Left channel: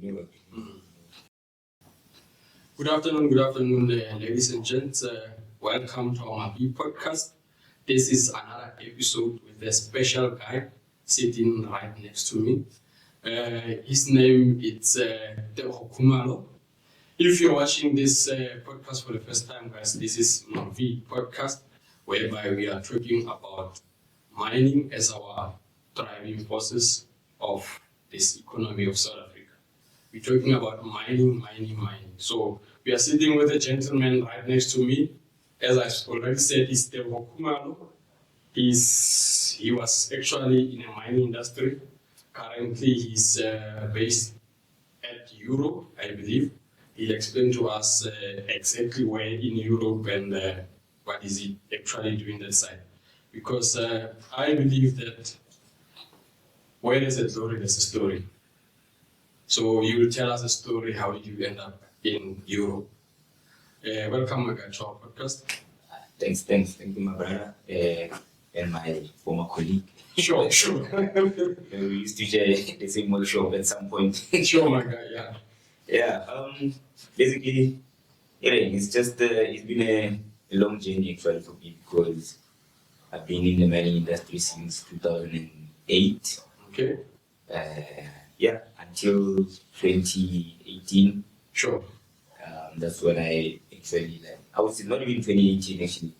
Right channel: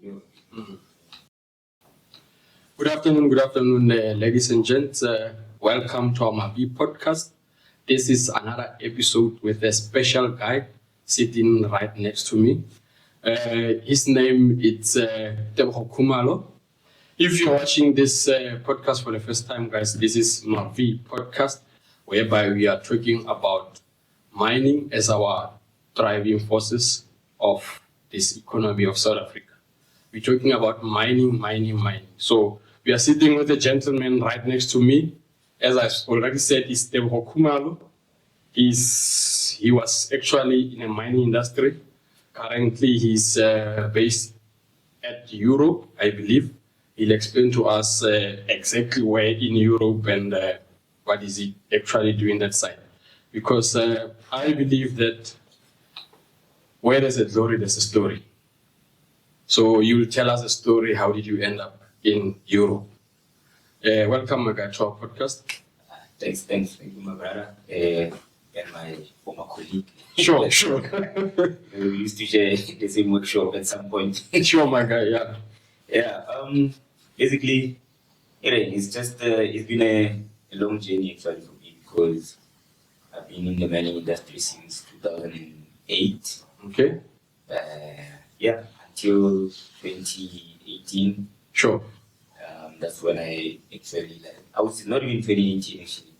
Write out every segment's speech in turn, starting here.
you know. Good afternoon, ladies and gents. Welcome to our Mabi podcast. This is another episode with a special guy sitting right next to me. His name is TEBOGO KHUMALO. If you're watching this podcast for the first time, guys, this is Mabi podcast, whereby we are talking about mining as our driving forces of this economy of South Africa. We're talking about mining. So we are sitting with a gentleman right next to me. As I already said, is TEBOGO KHUMALO. He was actually in a mining industry. Currently, he's based at Europe, I believe. He'll explain to us exactly where in Europe and what is he actually doing that side. Because I believe that where there's a glory, there's a story. So you will tell us a story. How did you end up in Europe? Welcome, my guy, to our podcast. Thank you, my brother, and my former colleague. Sure. We used to share the same workshop at some point. Sure, my guy, yeah. Yeah, basically, it's been a long journey actually for me because I've been in the mining industry since 2008. Okay. Until 2018. Sure. That's when I actually I would say not even 2018 actually.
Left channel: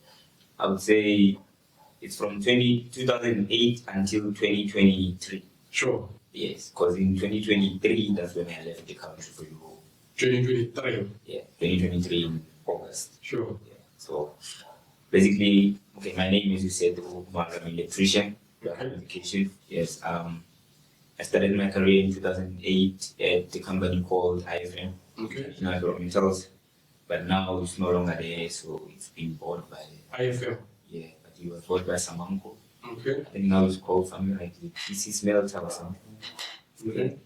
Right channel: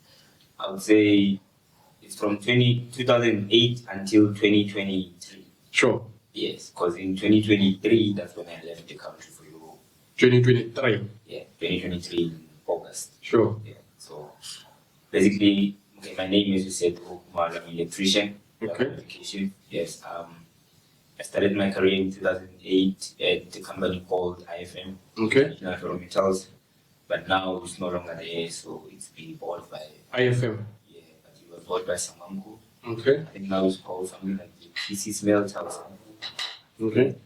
I would say it's from 2008 until 2023. Sure. Yes, because in 2023 that's when I left the country for Europe. 2023. Yeah, 2023 in August. Sure. Yeah. So basically, okay, my name, as you said, I'm an electrician. Okay. Qualification. Yes. I started my career in 2008 at a company called IFM. Okay. International Ferrometals, but now it's no longer there, so it's been bought by IFM. Yeah, but it was bought by Samanco. Okay. I think now it's called something like the PC Smelter or something. Okay.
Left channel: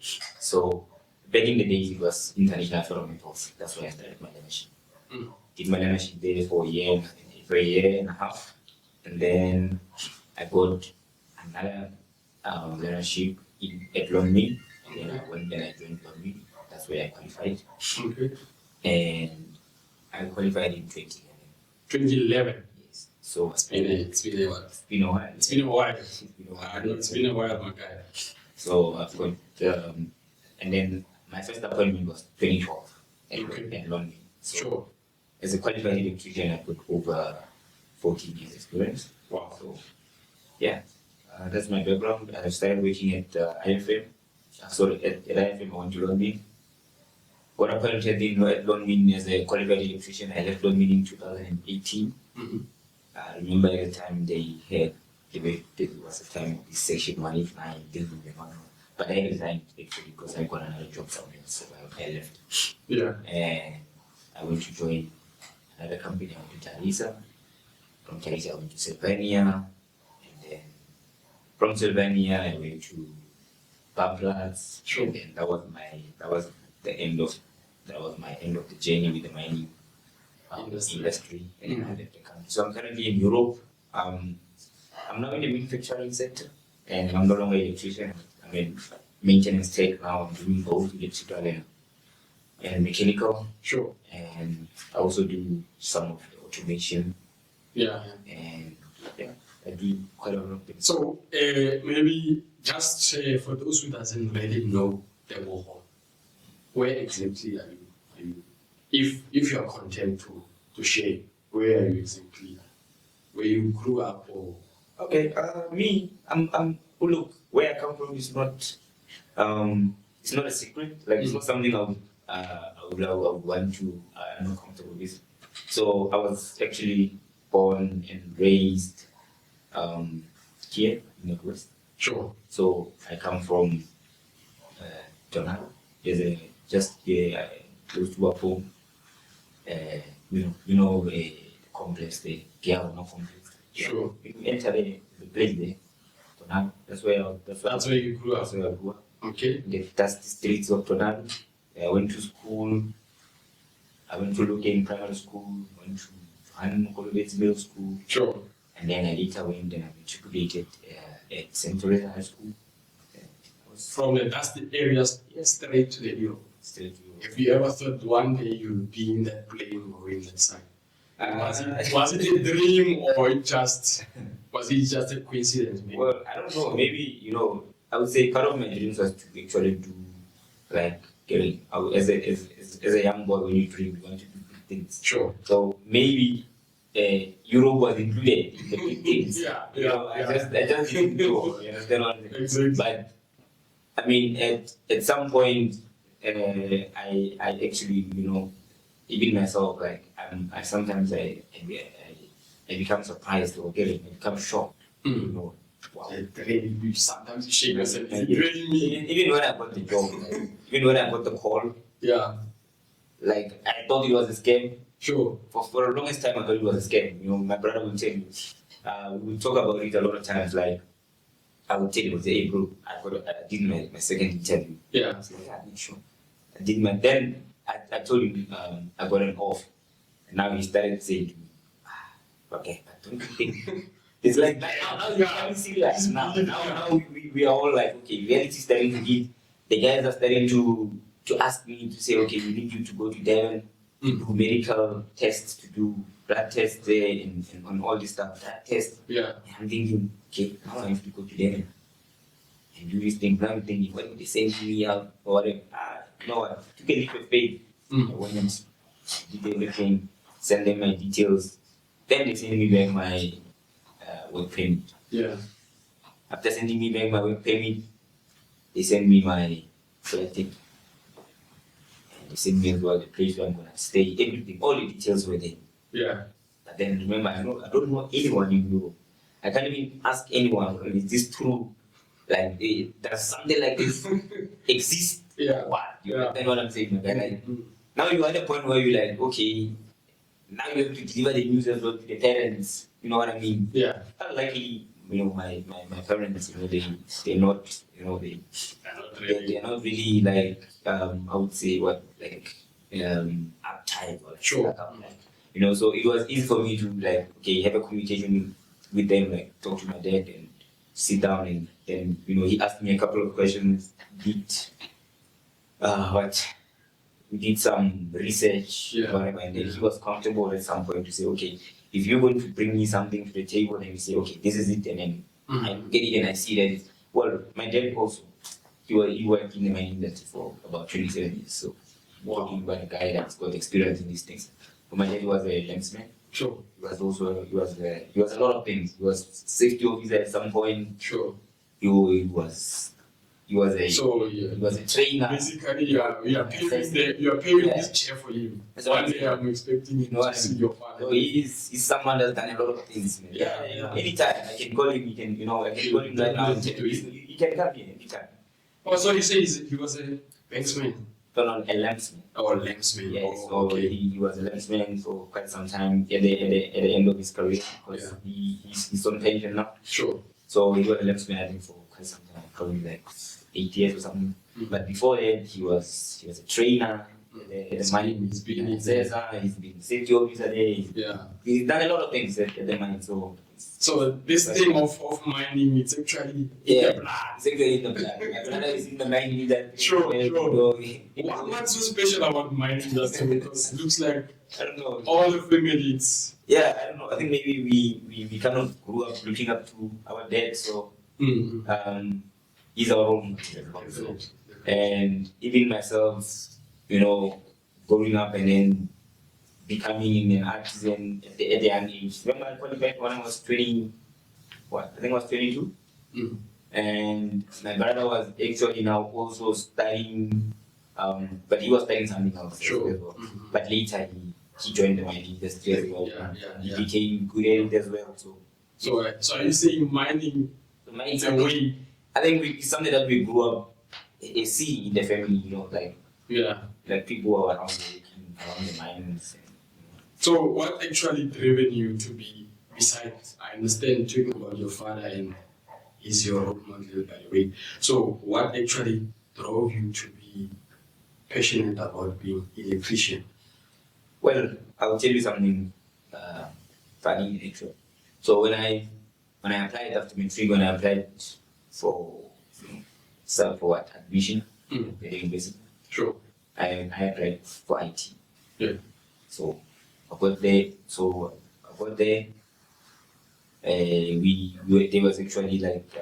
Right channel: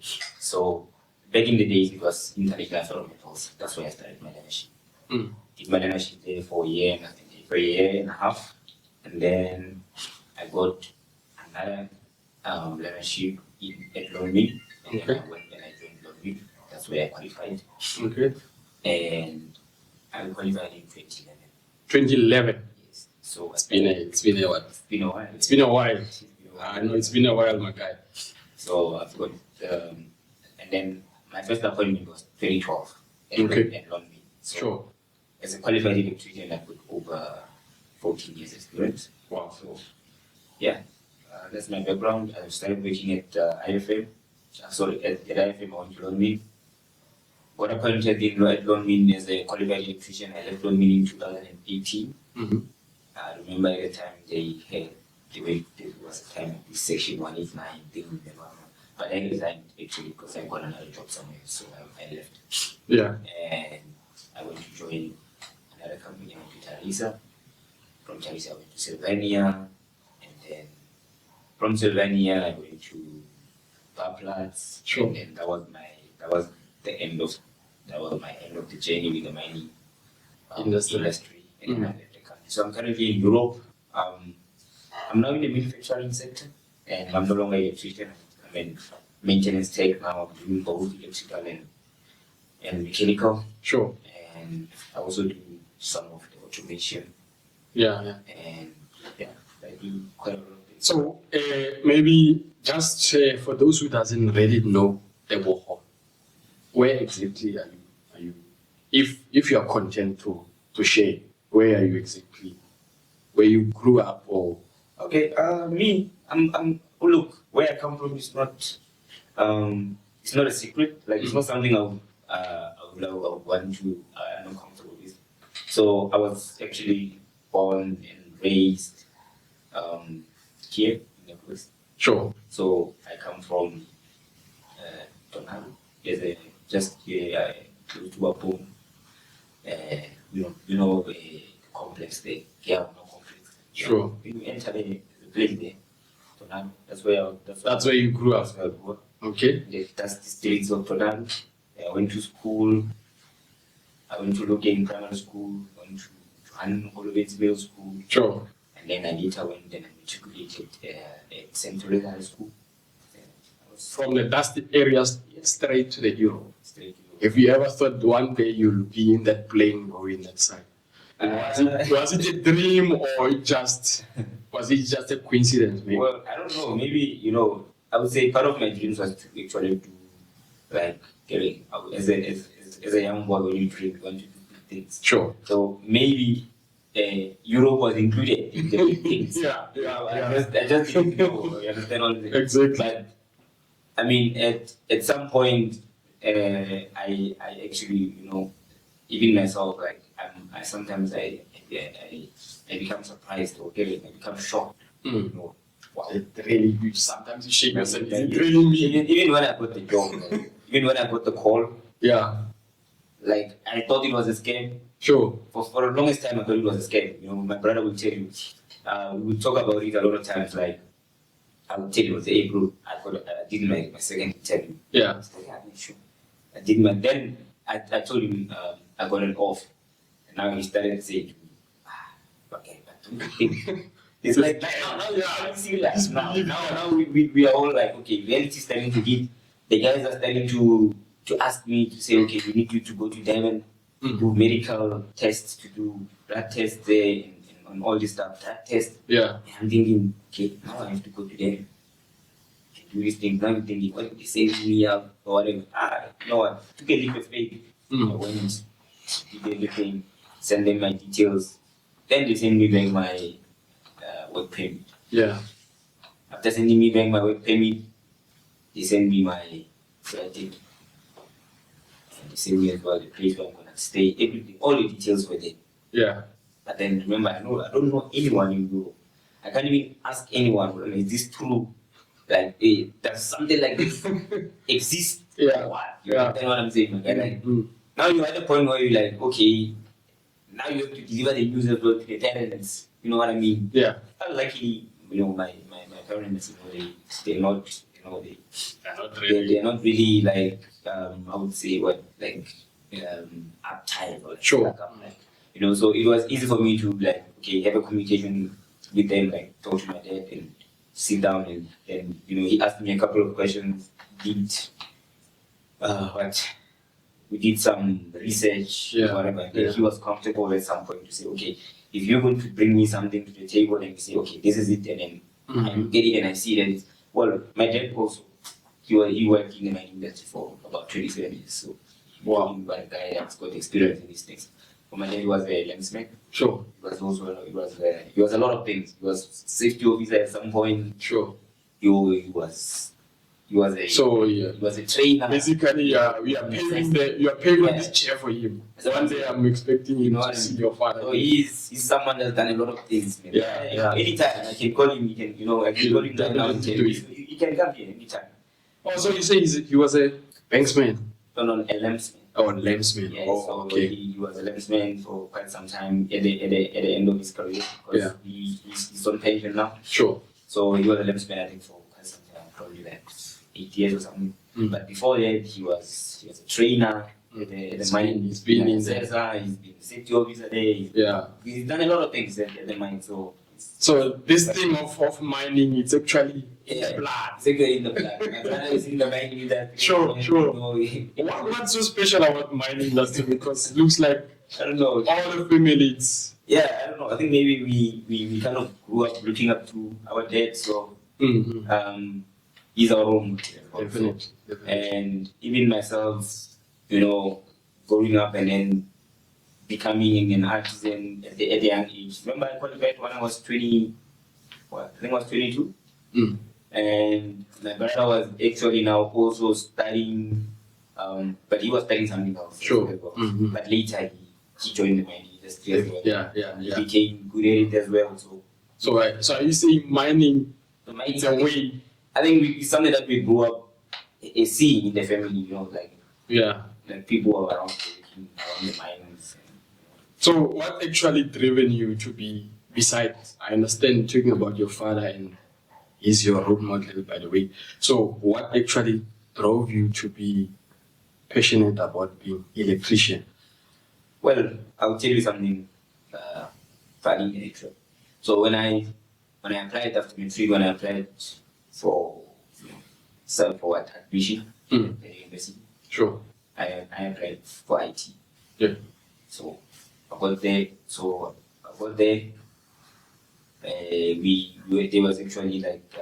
So back in the days it was International Ferrometals. That's where I started my learnership. Did my learnership there for a year and a half, and then I got another learnership at Longmead, and then I went and I joined Longmead. That's where I qualified. Okay. And I qualified in 2011. 2011. Yes. So It's been a what? It's been a while. It's been a while. I know it's been a while, my guy. So I've got, and then my first appointment was 2012 at Longmead. So Sure. as a qualified electrician, I've got over 14 years experience. Wow. So yeah, that's my background. I started working at IFM. At IFM, I went to Longmead. Got appointed at Longmead as a qualified electrician. I left Longmead in 2018. I remember at the time there was a time this section 189 thing, but I resigned actually because I got another job somewhere, so I left. Yeah. And I went to join another company. I went to Tarisa. From Tarisa, I went to Sylvania, and then from Sylvania, I went to Bablas. Sure. And then that was my end of the journey with the mining industry. And I left the country. So I'm currently in Europe. I'm now in the manufacturing sector, and I'm no longer an electrician. I'm in maintenance tech now. I'm doing both electrical and mechanical. Sure. And I also do some of the automation. Yeah. And yeah, I do quite a lot of things. So maybe just for those who doesn't really know TEBOGO, where exactly are you? If you are content to share, where are you exactly? Where you grew up or? Okay, me, look, where I come from is not, it's not a secret. Like it's not something I would want to. I'm not comfortable with. So I was actually born and raised here in the West. Sure. So I come from Tonal. There's just here close to Wapo. You know the complex, the Giaono complex. Sure. When you enter the place there, Tonal. That's where you grew up. That's where I grew up. Okay. That's the streets of Tonal. I went to school. I went to Logan Primary School. Went to Johan Kolobet's Middle School. Sure. And then I later went and I matriculated at St. Teresa High School. I from the dusty areas straight to the Europe. Straight to Europe. If you ever thought one day you'll be in that plane going that side, was it a dream or was it just a coincidence? Maybe? Well, I don't know. Maybe, I would say part of my dreams was to actually do, like, as a young boy, when you dream, you want to do big things. Sure. So maybe Europe was included in the big things. Yeah. I just didn't know. You understand what I'm saying? Exactly. But I mean, at some point, I actually, even myself, like I sometimes I become surprised or I become shocked. Wow. Really, sometimes you shake yourself. Like, It really me. even when I got the job, even when I got the call, Yeah. like I thought it was a scam. Sure. For the longest time, I thought it was a scam. My brother will tell you. We would talk about it a lot of times. Like I would tell you, hey bro, I did my second interview. Yeah. I said, yeah, sure. I did my. Then I told him I got an off, and now he started saying to me, okay, but don't you think? It's like now you're serious. Now we are all like, okay, reality is starting to hit. The guys are starting to ask me to say, okay, we need you to go to Devon to do medical tests, to do blood tests there, and on all this stuff, that test. Yeah. And I'm thinking, okay, now I have to go to Devon and do these things. Now I'm thinking, what if they send me out or whatever? No, I took a leap of faith. I went and did everything, send them my details. Then they send me back my work permit. Yeah. After sending me back my work permit, they send me my flight ticket. And they send me as well the place where I'm gonna stay, everything, all the details were there. Yeah. But then remember, I don't know anyone in Europe. I can't even ask anyone, is this true? Like, does something like this exist? Yeah. What? You understand what I'm saying? Okay? Like, now you're at a point where you're like, okay, now you have to deliver the news as well to the parents. You know what I mean? Yeah. Luckily, my parents, they're not, they're not really like, I would say uptight or like, Sure. So it was easy for me to like, okay, have a communication with them, like talk to my dad and sit down and then, he asked me a couple of questions, we did some research, whatever, and then he was comfortable at some point to say, okay, if you're going to bring me something to the table and you say, okay, this is it, and then I get it and I see that it's, well, my dad also, he worked in the mining industry for about 27 years, so he was a guy that's got experience in these things. But my dad was a landsman. Sure. He was also, he was a lot of things. He was safety officer at some point. Sure. He was a trainer. Basically, you are paving this chair for him. So one day I'm expecting you to see your father. So he's someone that's done a lot of things. Man. Yeah. Anytime I can call him, I can call him right now and tell him, he can come here anytime. Oh, so you say he was a banksman? No, a lambsman. Oh, a lambsman. Yes, oh, so okay. He was a lambsman for quite some time at the end of his career because he's on pension now. Sure. So he was a lambsman, I think, for quite some time, probably like 8 years or something. But before that, he was a trainer at the mine. He's been in CESA, he's been safety officer there. He's done a lot of things at the mine. So this thing of mining, it's actually in the blood. It's actually in the blood. My brother is in the mining industry. Sure. What's so special about mining industry? Because it looks like, I don't know, all the families. Yeah, I don't know. I think maybe we kind of grew up looking up to our dad, so he's our role model. Definitely. And even myself, growing up and then becoming an artisan at the young age. Remember, I qualified when I was 20, I think I was 22. And my brother was actually now also studying, but he was studying something else. Sure. As well. But later he joined the mining industry as well. He became good at it as well. So are you saying mining is a way? I think it's something that we grew up seeing in the family, like people who are around the mines. So what actually driven you to be, besides, I understand talking about your father and he's your role model, by the way. So what actually drove you to be passionate about being electrician? Well, I'll tell you something funny actually. So when I applied after matric, when I applied for serve for what admission Mm. at the university. Sure. I applied for IT. Yeah. So I got there. There was actually like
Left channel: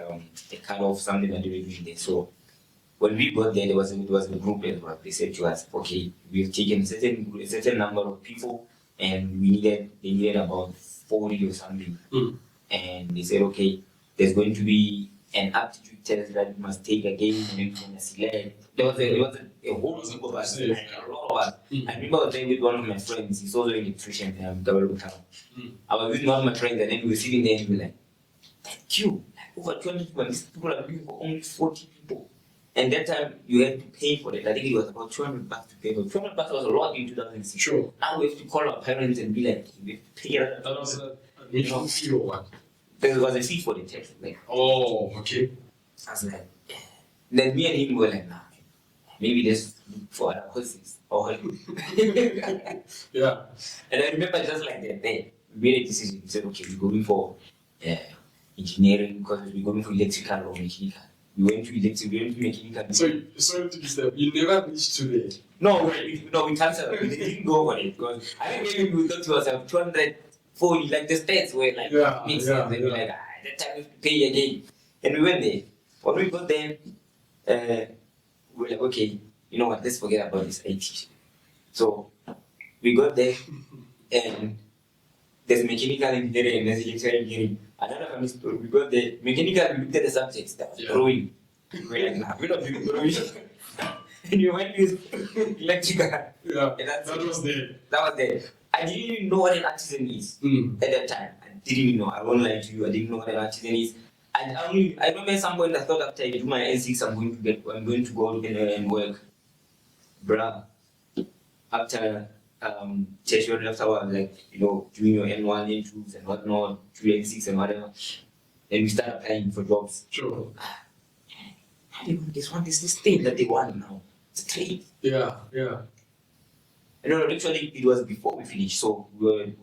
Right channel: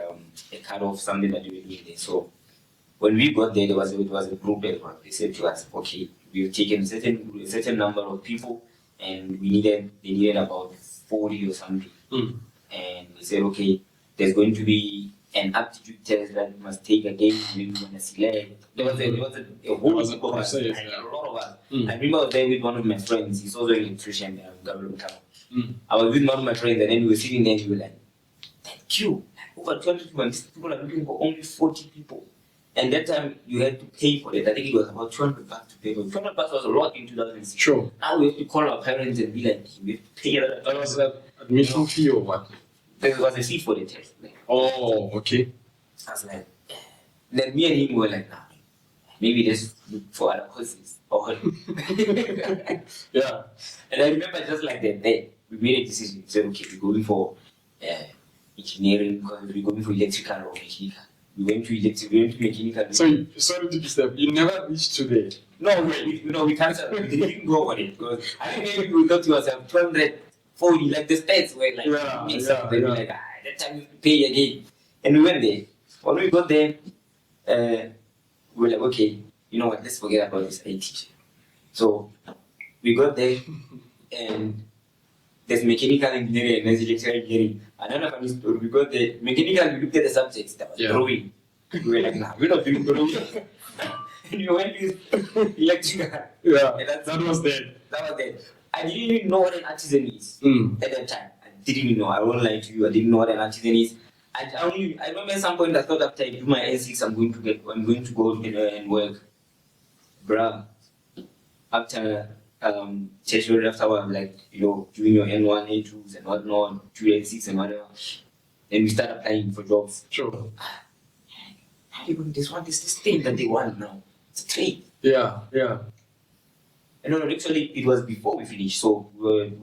a cut off something that they were doing there. So when we got there, it was a group as well. They said to us, okay, we've taken a certain number of people, and they needed about 40 or something. Mm. And they said, okay, there's going to be an aptitude test that you must take again, and then we're going to select. There was a whole was a group of us, process, like, yeah. a lot of us. Mm. I remember I was there with one of my friends. He's also an electrician, TEBOGO KHUMALO. Mm. I was with one of my friends, and then we were sitting there, and we were like, that queue, over 200 people, and these people are looking for only 40 people. And that time, you had to pay for it. I think it was about $200 to pay for it. $200 was a lot in 2006. Sure. Now we have to call our parents and be like, we have to pay that. That was an admission fee or what? There was a fee for the test. Like, Oh, okay. I was like, then me and him were like, nah, maybe let's look for other courses. Yeah. And I remember just like that day, we made a decision. We said, okay, we're going for engineering because we're going for electrical or mechanical. We went to mechanical. So, sorry to disturb. You never reached to there. No, we cancelled. We didn't go for it because I think maybe we thought to ourselves 240, like the stats were like, makes sense. They were like, that time we have to pay again. And we went there. When we got there, we were like, okay, you know what, let's forget about this IT. So we got there and there's mechanical engineering and there's electrical engineering. Another funny story, we got there, mechanical, we looked at the subjects that was drawing. We were like, nah, we're not doing drawing. And we went with electrical. Yeah, and that was there. That was there. I didn't even know what an artisan is at that time. I didn't even know. I won't lie to you. I didn't know what an artisan is. I remember at some point I thought after I do my N6, I'm going to go and work. Bruh, after tertiary, after like, doing your N1, N2s and whatnot, do N6 and whatever, then we start applying for jobs. Sure. This thing that they want now. It's a trade. Yeah, yeah. No, actually, it was before we finished. So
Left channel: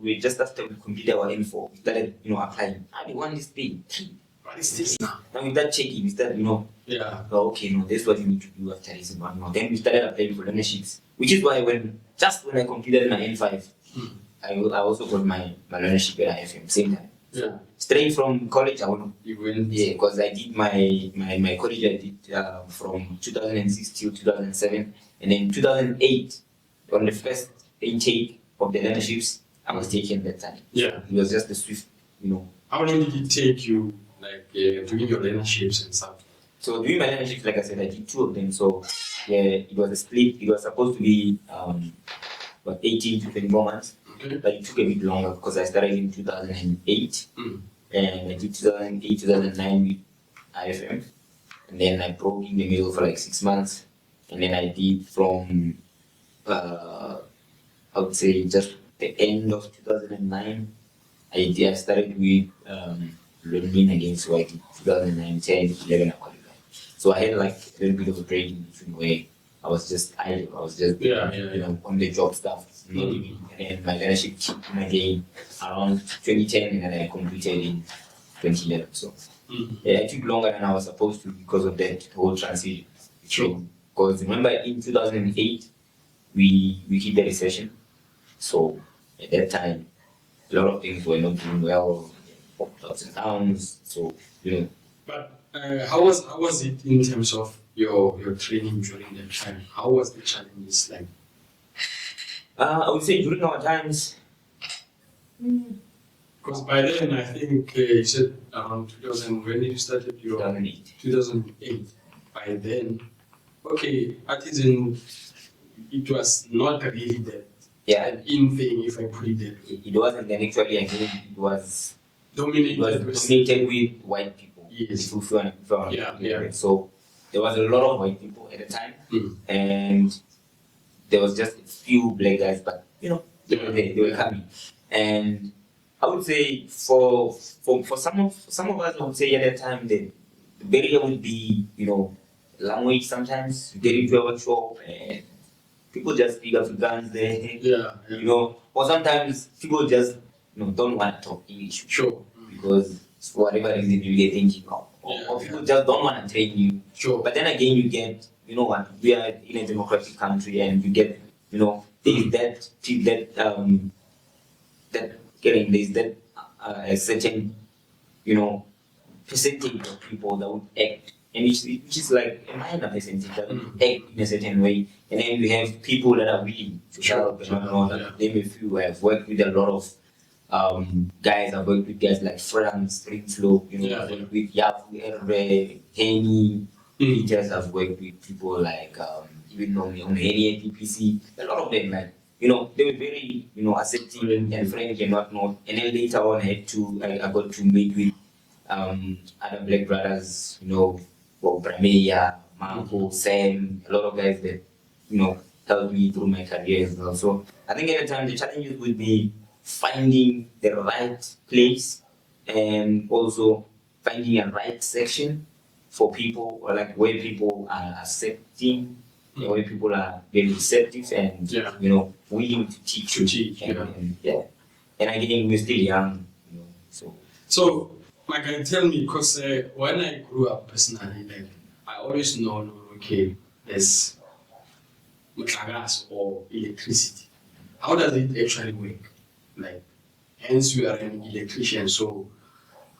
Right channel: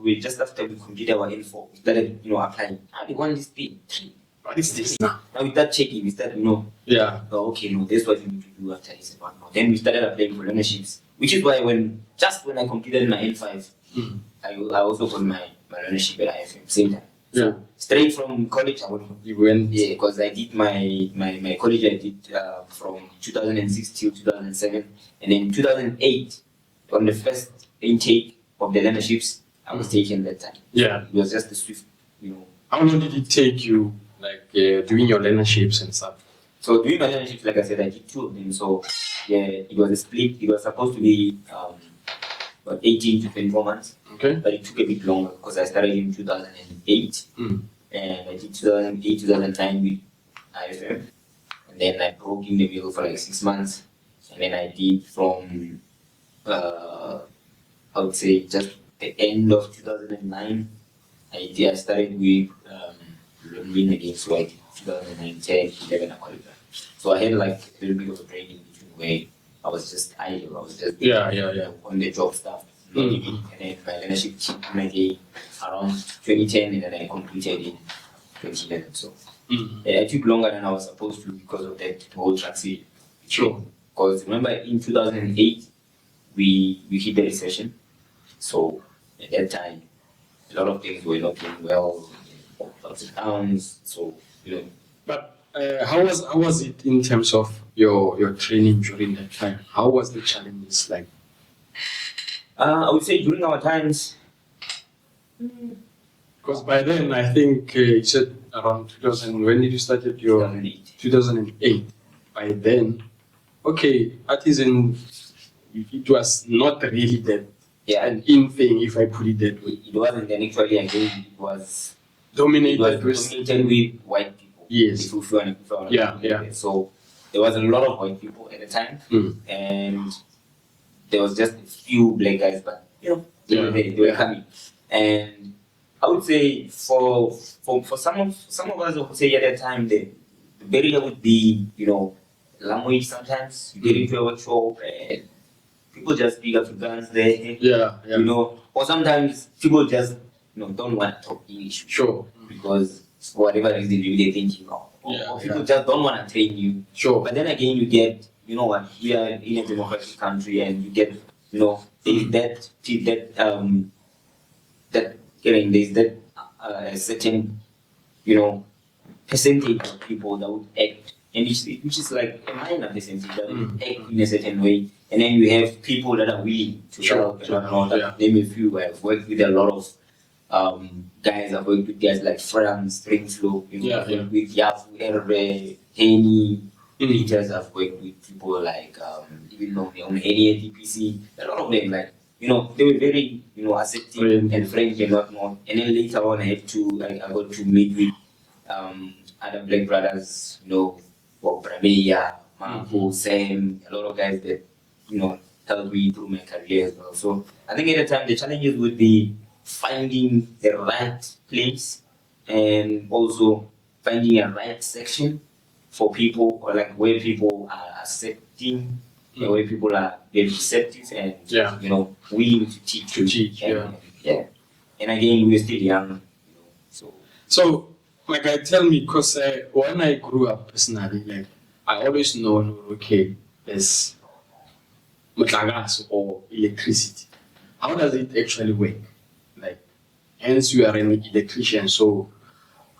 we just after we completed our N4, we started, applying. They want this thing. What is this now? Now we start checking. We start, Yeah. oh, okay, no, this is what you need to do after this and whatnot. Then we started applying for learnerships, which is why when I completed my N5, I also got my learnership at IFM same time. Yeah. Straight from college, You went. Yeah, because I did my college. I did from 2006 till 2007, and then 2008 on the first intake of the learnerships, I was taken that time. Yeah. It was just the swift, How long did it take you, like, doing your learnerships and stuff? So doing my learnerships, like I said, I did 2 of them. So yeah, it was a split. It was supposed to be about 18 to 24 months. Okay. But it took a bit longer because I started in 2008. And I did 2008, 2009 with IFM. And then I broke in the middle for like 6 months. And then I did from, I would say, just the end of 2009. I started with learning again. So I did 2009, 10, 11, I qualified. So I had like a little bit of a break in between where I was just idle. I was just on the job stuff. And then my leadership kicked in again around 2010, and then I completed in 2011. So I took longer than I was supposed to because of that whole transition. True. Because remember in 2008, we hit the recession. So at that time, a lot of things were not doing well, ups and downs. So, But how was it in terms of your training during that time? How was the challenges like? I would say during our times. Because by then, I think you said around 2000. When did you start your 2008. 2008. By then, okay, artisan. It was not really that an in thing, if I put it that way. It wasn't. Then actually, again, it was dominated with white people. Yes. Yeah. So there was a lot of white people at the time, and there was just a few black guys, but they were coming. And I would say for some of us, I would say at that time the barrier would be language. Sometimes you get into a workshop and people just speak Afrikaans there. Or sometimes people just don't want to talk English. Sure. Because for whatever reason maybe they're thinking, oh, or people just don't want to train you. Sure. But then again, you get, you know what, we are in a democratic country, and you get, you know, there's that a certain, you know, percentage of people that would act, and which is like a minor percentage that would act in a certain way, and then you have people that are willing to help and whatnot. Name a few. I've worked with a lot of guys. I've worked with guys like Franz, Stringflow, you know, I've worked with Yafu, Erbe, Henny, Peters. I've worked with people like even on Henny TPC. A lot of them, like, you know, they were very, you know, accepting and friendly and whatnot. And then later on, I got to meet with other black brothers, you know, Brameya, Marco, Sam, a lot of guys that, you know, helped me through my career as well. So I think at the time the challenges would be finding the right place and also finding a right section for people, or like where people are accepting, where people are very receptive and you know, willing to teach. And again, we're still young, you know. So like, I tell me, because when I grew up personally, like, I always know, okay, there's mutlagas or electricity. How does it actually work? Like, hence you are an electrician, so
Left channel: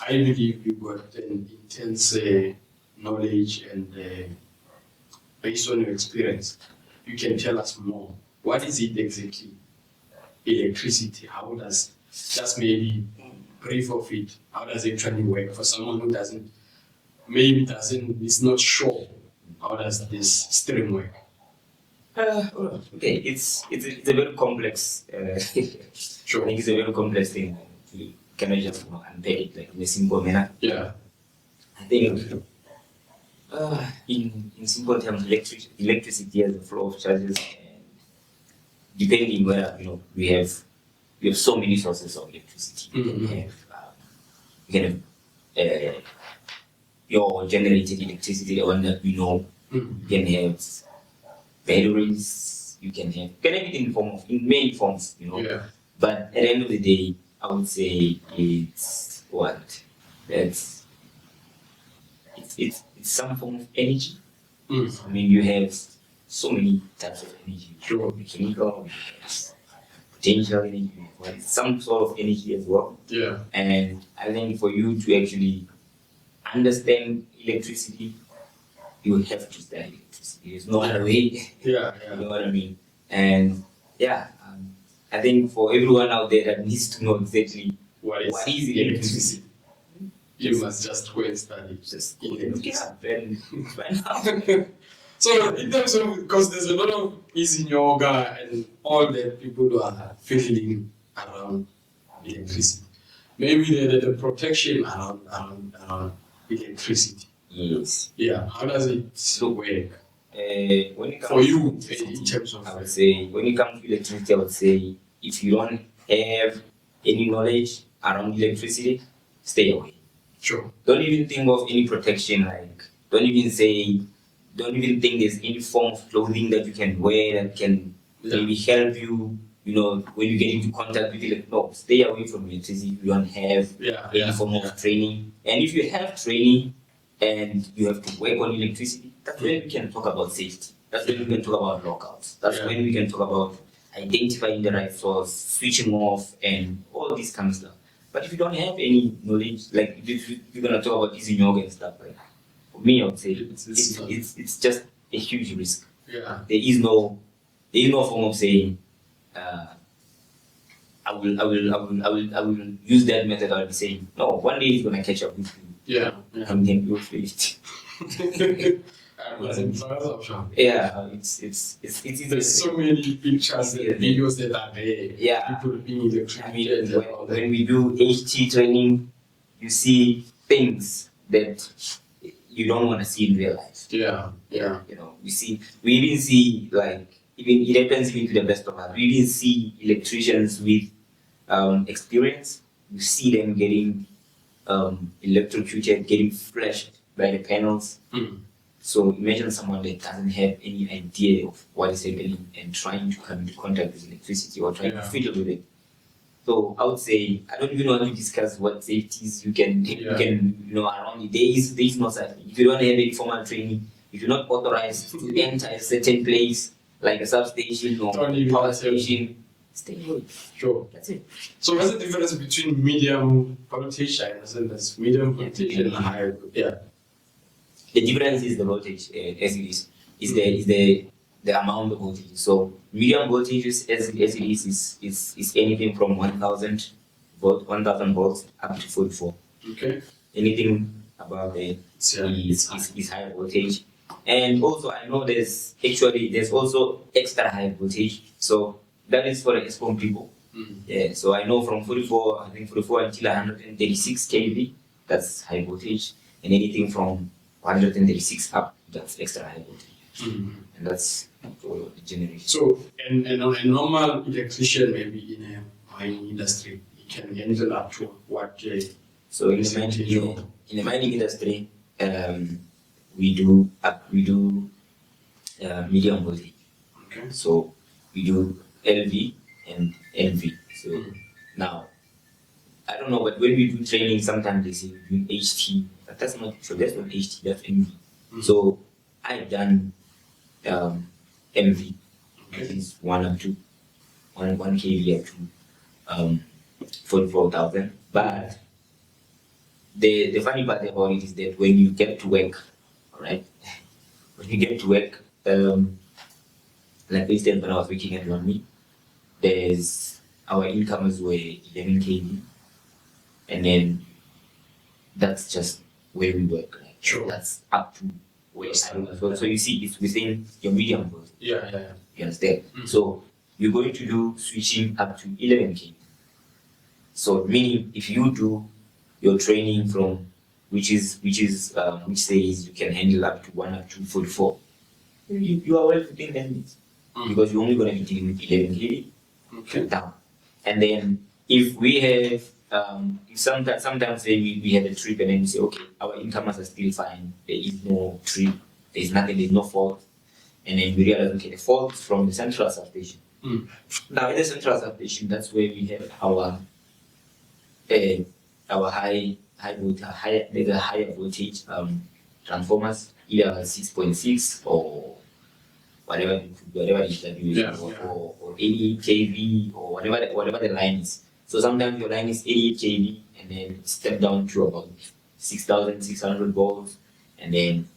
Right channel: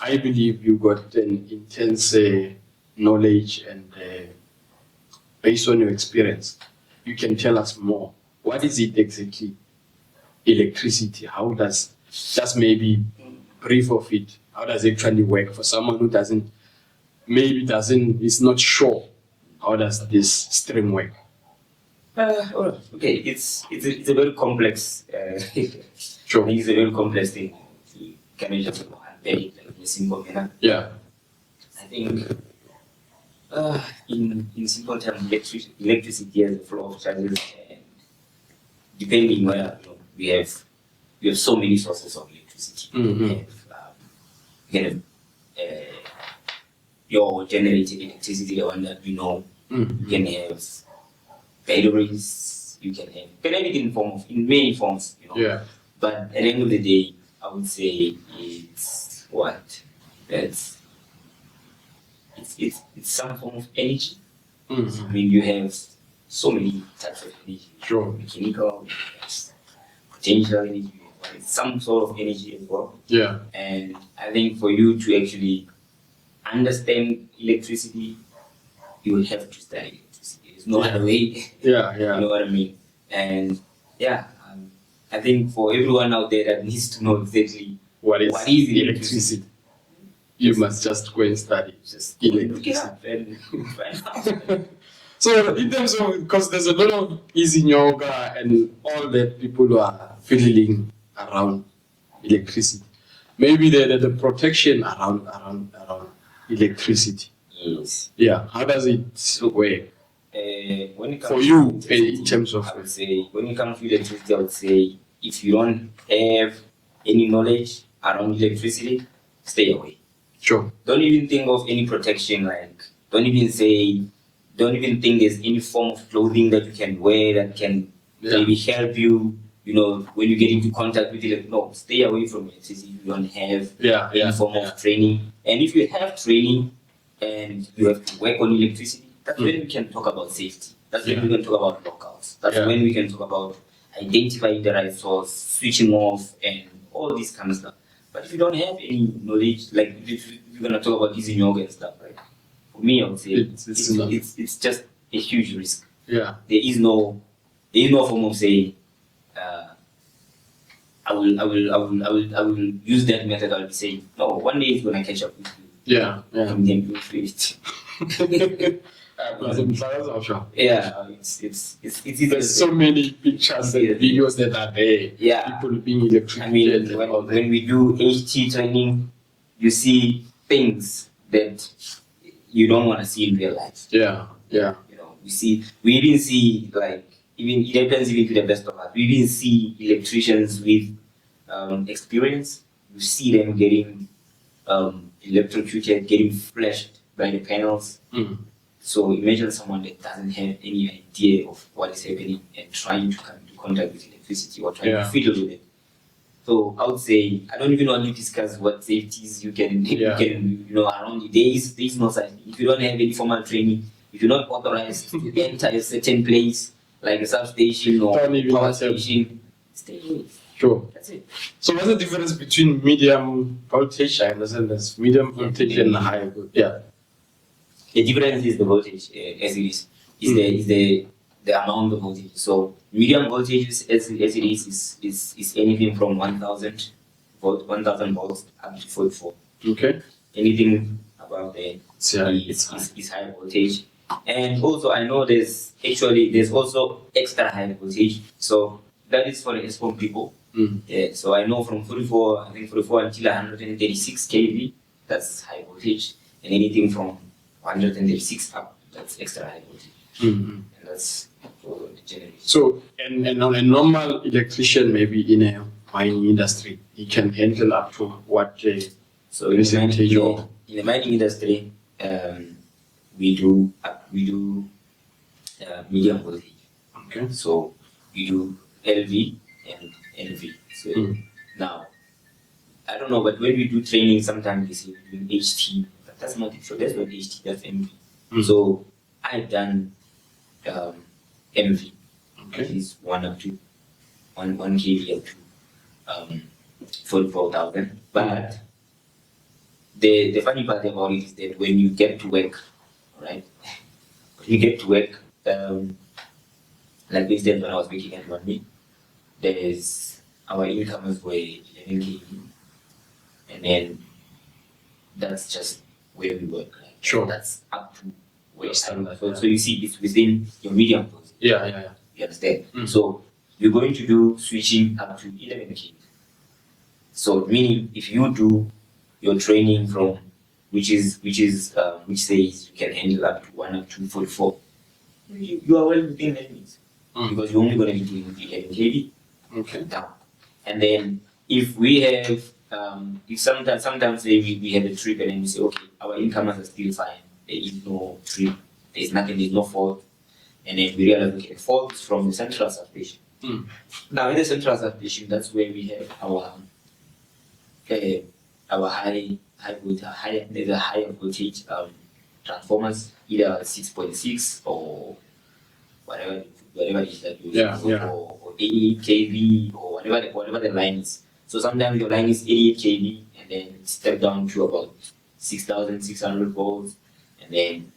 I believe you got an intense knowledge, and based on your experience, you can tell us more. What is it exactly? Electricity, how does, just maybe brief of it, how does it actually work for someone who is not sure, how does this stream work? Okay, it's a very complex. Sure. I think it's a very complex thing. You cannot just unpack it like in a simple manner. Yeah. I think in simple terms, electricity has a flow of charges, and depending where, you know, we have so many sources of electricity. You can have your generated electricity, the one that we know. You can have batteries. You can have it in many forms, you know. Yeah. But at the end of the day, I would say it's some form of energy. I mean, you have so many types of energy. Sure. Mechanical, potential energy, some sort of energy as well. Yeah. And I think for you to actually understand electricity, you will have to study electricity. There's no other way. Yeah. You know what I mean? And I think for everyone out there that needs to know exactly what is electricity, you must just go and study. Just look it up and find out. So in terms of, because there's a lot of easy yoga and all that people who are feeling around electricity, maybe the protection around electricity. Yes. Yeah. How does it work? When it comes for you, in terms of, I would say, when it comes to electricity, I would say if you don't have any knowledge around electricity, stay away. Sure. Don't even think of any protection. Like, don't even think there's any form of clothing that you can wear that can maybe help you, you know, when you get into contact with it. No, stay away from electricity if you don't have any form of training. And if you have training and you have to work on electricity, that's when we can talk about safety. That's when we can talk about lockouts. That's when we can talk about identifying the right source, switching off, and all this kind of stuff. But if you don't have any knowledge, like if you're gonna talk about using yoga and stuff, like, for me, I would say it's just a huge risk. Yeah. There is no form of saying, I will use that method. I'll be saying, no, one day it's gonna catch up with you. Yeah. And then you'll feel it. There's so many pictures and videos that are there. Yeah. People being electrocuted. I mean, when we do HT training, you see things that you don't want to see in real life. Yeah. You know, we even see, like, it happens even to the best of us. We even see electricians with experience. You see them getting electrocuted, getting flashed by the panels. So imagine someone that doesn't have any idea of what is happening and trying to come into contact with electricity or trying to fiddle with it. So I would say I don't even want to discuss what safeties you can around it. There is no such thing. If you don't have any formal training, if you're not authorized to enter a certain place like a substation or power station, stay away. Sure. That's it. So what's the difference between medium voltage? I understand there's medium voltage and high voltage. Yeah. The difference is the voltage, as it is. Is the amount of voltage. So medium voltage as it is anything from 1000 volts up to 44. Okay. Anything above there is high voltage. And also I know there's also extra high voltage. So that is for the ESCOM people. Yeah. So I know from 44 until 136 kV, that's high voltage, and anything from 136 up, that's extra high voltage. And that's for the generation. So, and a normal electrician, maybe in a mining industry, he can handle up to what so in the mining industry, we do medium voltage. Okay. So we do LV and NV. So now, I don't know, but when we do training, sometimes they say we do HT, but that's not it. So that's not HT, that's MV. So I've done MV, which is 1 kV up to 44,000. But the funny part about it is that when you get to work, alright, when you get to work, like this day when I was working at 1 week, our incomers were 11 kV, and then that's just where we work. Like, sure. That's up to where. So you see, it's within your medium voltage. Yeah. You understand? So you're going to do switching up to 11 kV. So meaning if you do your training from which says you can handle up to 1 up to 44, you are well within that limits. Because you're only going to be doing 11 kV down. And then if we have if sometimes we have a trip and then we say, okay, our incomers are still fine, there is no trip, there's no fault, and then we realize, okay, the fault is from the central substation. Now in the central substation, that's where we have our high voltage, there's a higher voltage transformers, either 6.6 or whatever it is that you use, or 88 kV or whatever the line is. So sometimes your line is 88 kV and then step down to about 6,600 volts, and then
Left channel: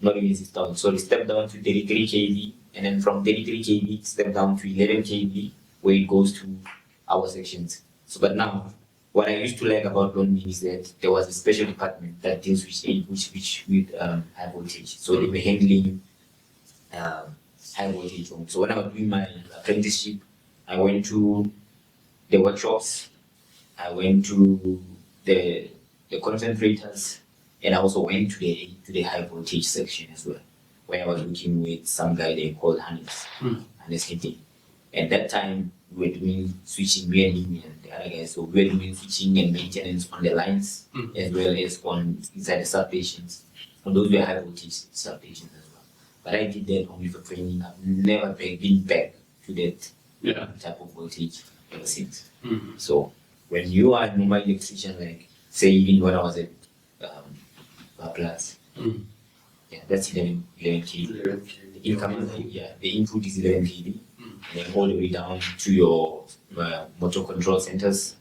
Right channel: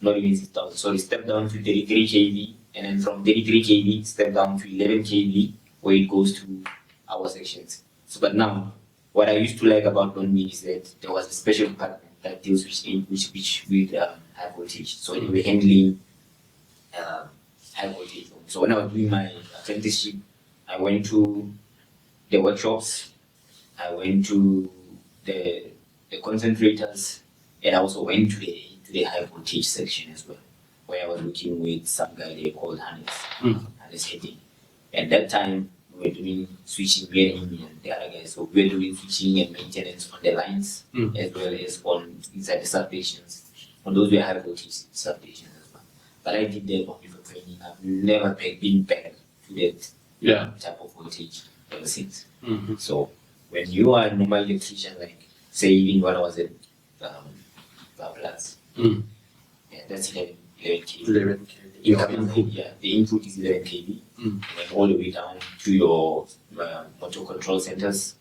not even 6,000, sorry, step down to 33 kV, and then from 33 kV step down to 11 kV where it goes to our sections. So but now what I used to like about London is that there was a special department that deals with high voltage. So they were handling high voltage. So when I was doing my apprenticeship, I went to the workshops, I went to the concentrators, and I also went to the high voltage section as well, where I was working with some guy they called Hannes Hitting. At that time, we were doing switching, me and him and the other guys. So we were doing switching and maintenance on the lines as well as on inside the substations. And those were high voltage substations as well. But I did that only for training. I've never been back to that type of voltage ever since. So when you are a normal electrician, like say even when I was at Plus, that's 11 kV. 11 kV. The input is 11 kV. And then all the way down to your motor control centers.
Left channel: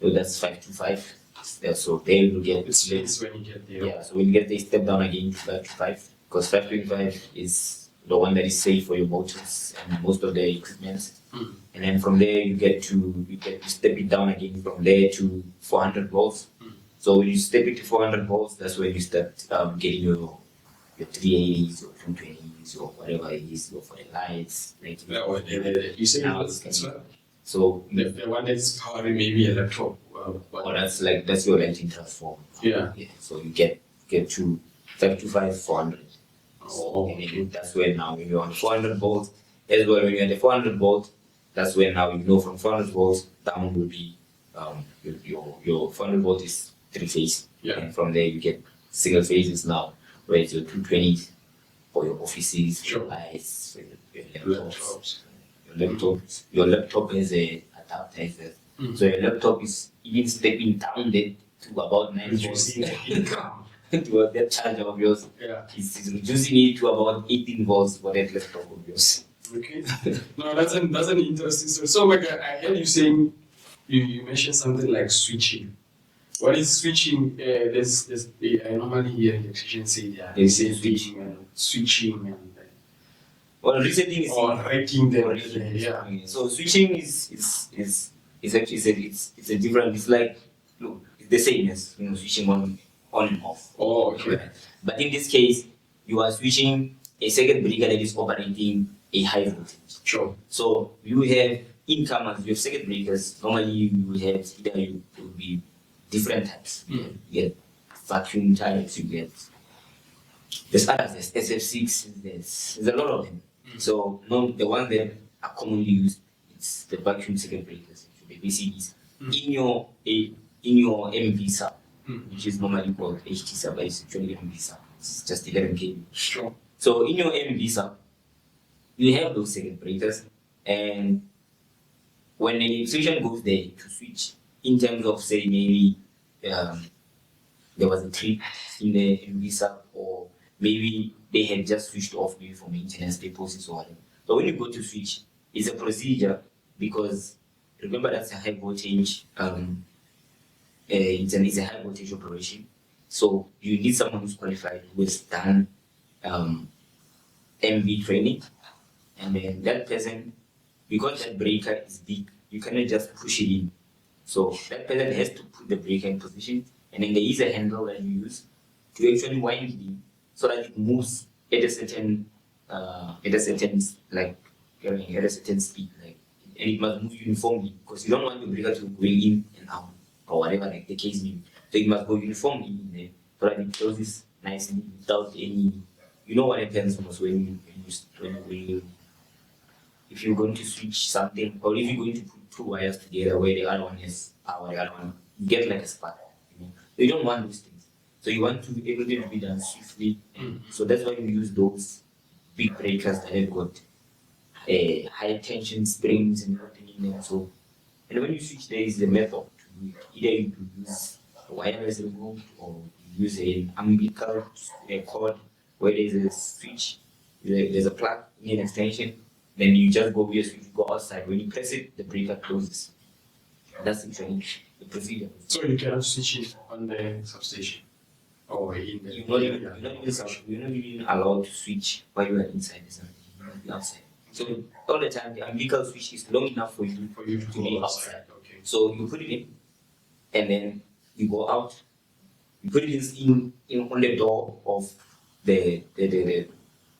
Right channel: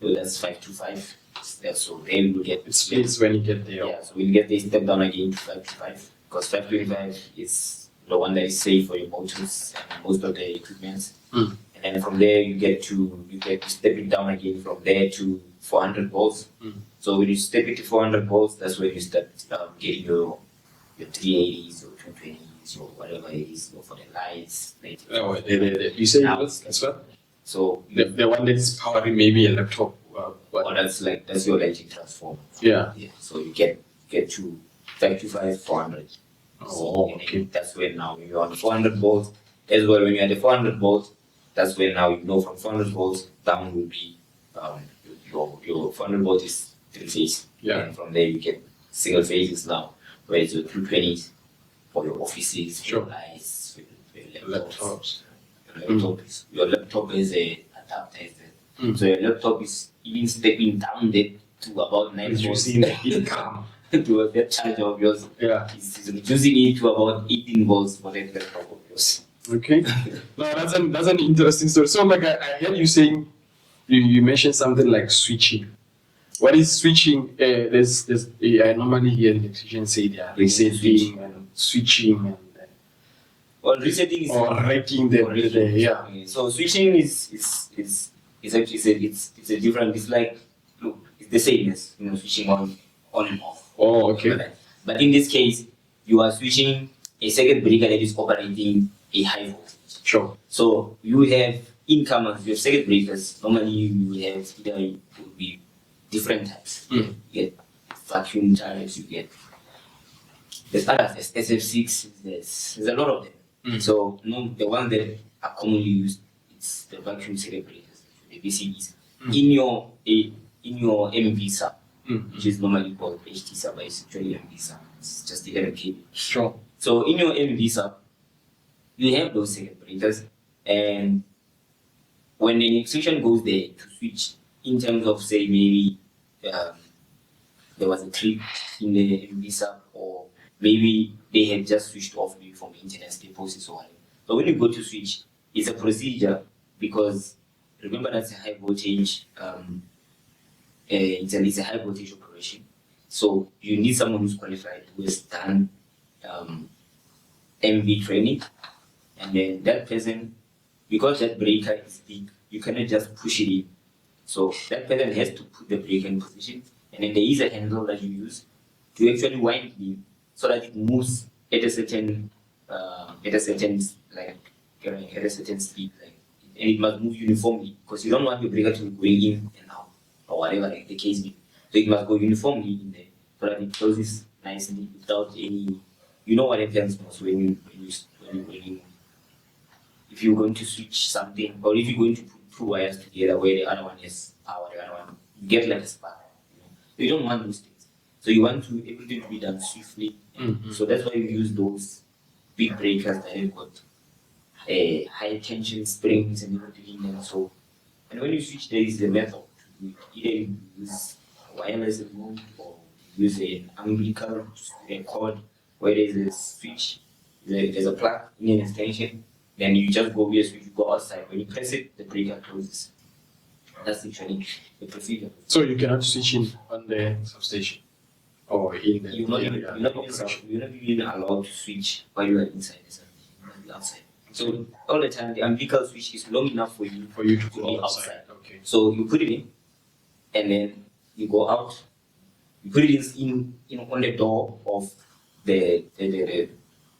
So that's 525. So there you get it splits when you get there. Yeah, so when you get there, step down again to 525, because 525 is the one that is safe for your motors and most of the equipment. And then from there you get to step it down again from there to 400 volts. So when you step it to 400 volts, that's when you start getting your 380s or 220s or whatever it is, or for the lights. You say that's what? So the one that's powering maybe a laptop. That's your lighting transformer. Yeah. So you get to 525, 400. Oh, okay. That's when now when you're on the 400 volts, as well when you're at the 400 volts, that's when now you know from 400 volts down will be your 400 volts is 3-phase. Yeah. And from there you get single phases now, where it's your 220s for your offices, for your lights, for your laptops. Your laptop is a adapter, is a So your laptop is even stepping down there to about 9 volts. Reducing the income. To that charger of yours. Yeah. It's reducing it to about 18 volts for that laptop of yours. Okay. No, that's an interesting story. So, like, I heard you saying, you mentioned something like switching. What is switching? I normally hear electricians say they are resetting and switching and Well, resetting is or wrecking the yeah. So switching is actually it's a different. It's like, look, it's the same as switching on and off. Oh, okay. But in this case, you are switching a circuit breaker that is operating a high voltage. Sure. So you have incomers, you have circuit breakers. Normally you will have either you will be different types. You get vacuum types, you get there's others, there's SF6, there's a lot of them. So the ones that are commonly used, it's the vacuum circuit breakers, the VCBs. In your MV sub, which is normally called HT sub, but it's actually MV sub. It's just 11 kV. Sure. So in your MV sub, you have those circuit breakers, and when the electrician goes there to switch, in terms of say maybe there was a trip in the MV sub, or maybe they had just switched off maybe for maintenance deposits or whatever. So when you go to switch, it's a procedure, because remember that's a high voltage. It's a high voltage operation. So you need someone who's qualified, who has done MV training, and then that person, because that breaker is big, you cannot just push it in. So that person has to put the breaker in position, and then there is a handle that you use to actually wind it in, so that it moves at a certain speed, like, and it must move uniformly, because you don't want your breaker to go in and out or whatever, like the case may be. So it must go uniformly in there, so that it closes nicely without any. You know what happens was when you if you're going to switch something, or if you're going to put two wires together where the other one is power, the other one, you get like a spark. So you don't want those things. So you want everything to be done swiftly. So that's why you use those big breakers that have got high tension springs and everything in them. So, and when you switch, there is the method to do it. Either you use a wireless remote, or use an umbilical cord where there's a switch, there's a plug in an extension. Then you just go via switch, you go outside. When you press it, the breaker closes. That's actually the procedure. So you cannot switch in on the substation, or in the you're not even allowed to switch while you are inside the substation. You must be outside. So all the time, the umbilical switch is long enough for you to be outside. Okay. So you put it in, and then you go out. You put it in on the door of the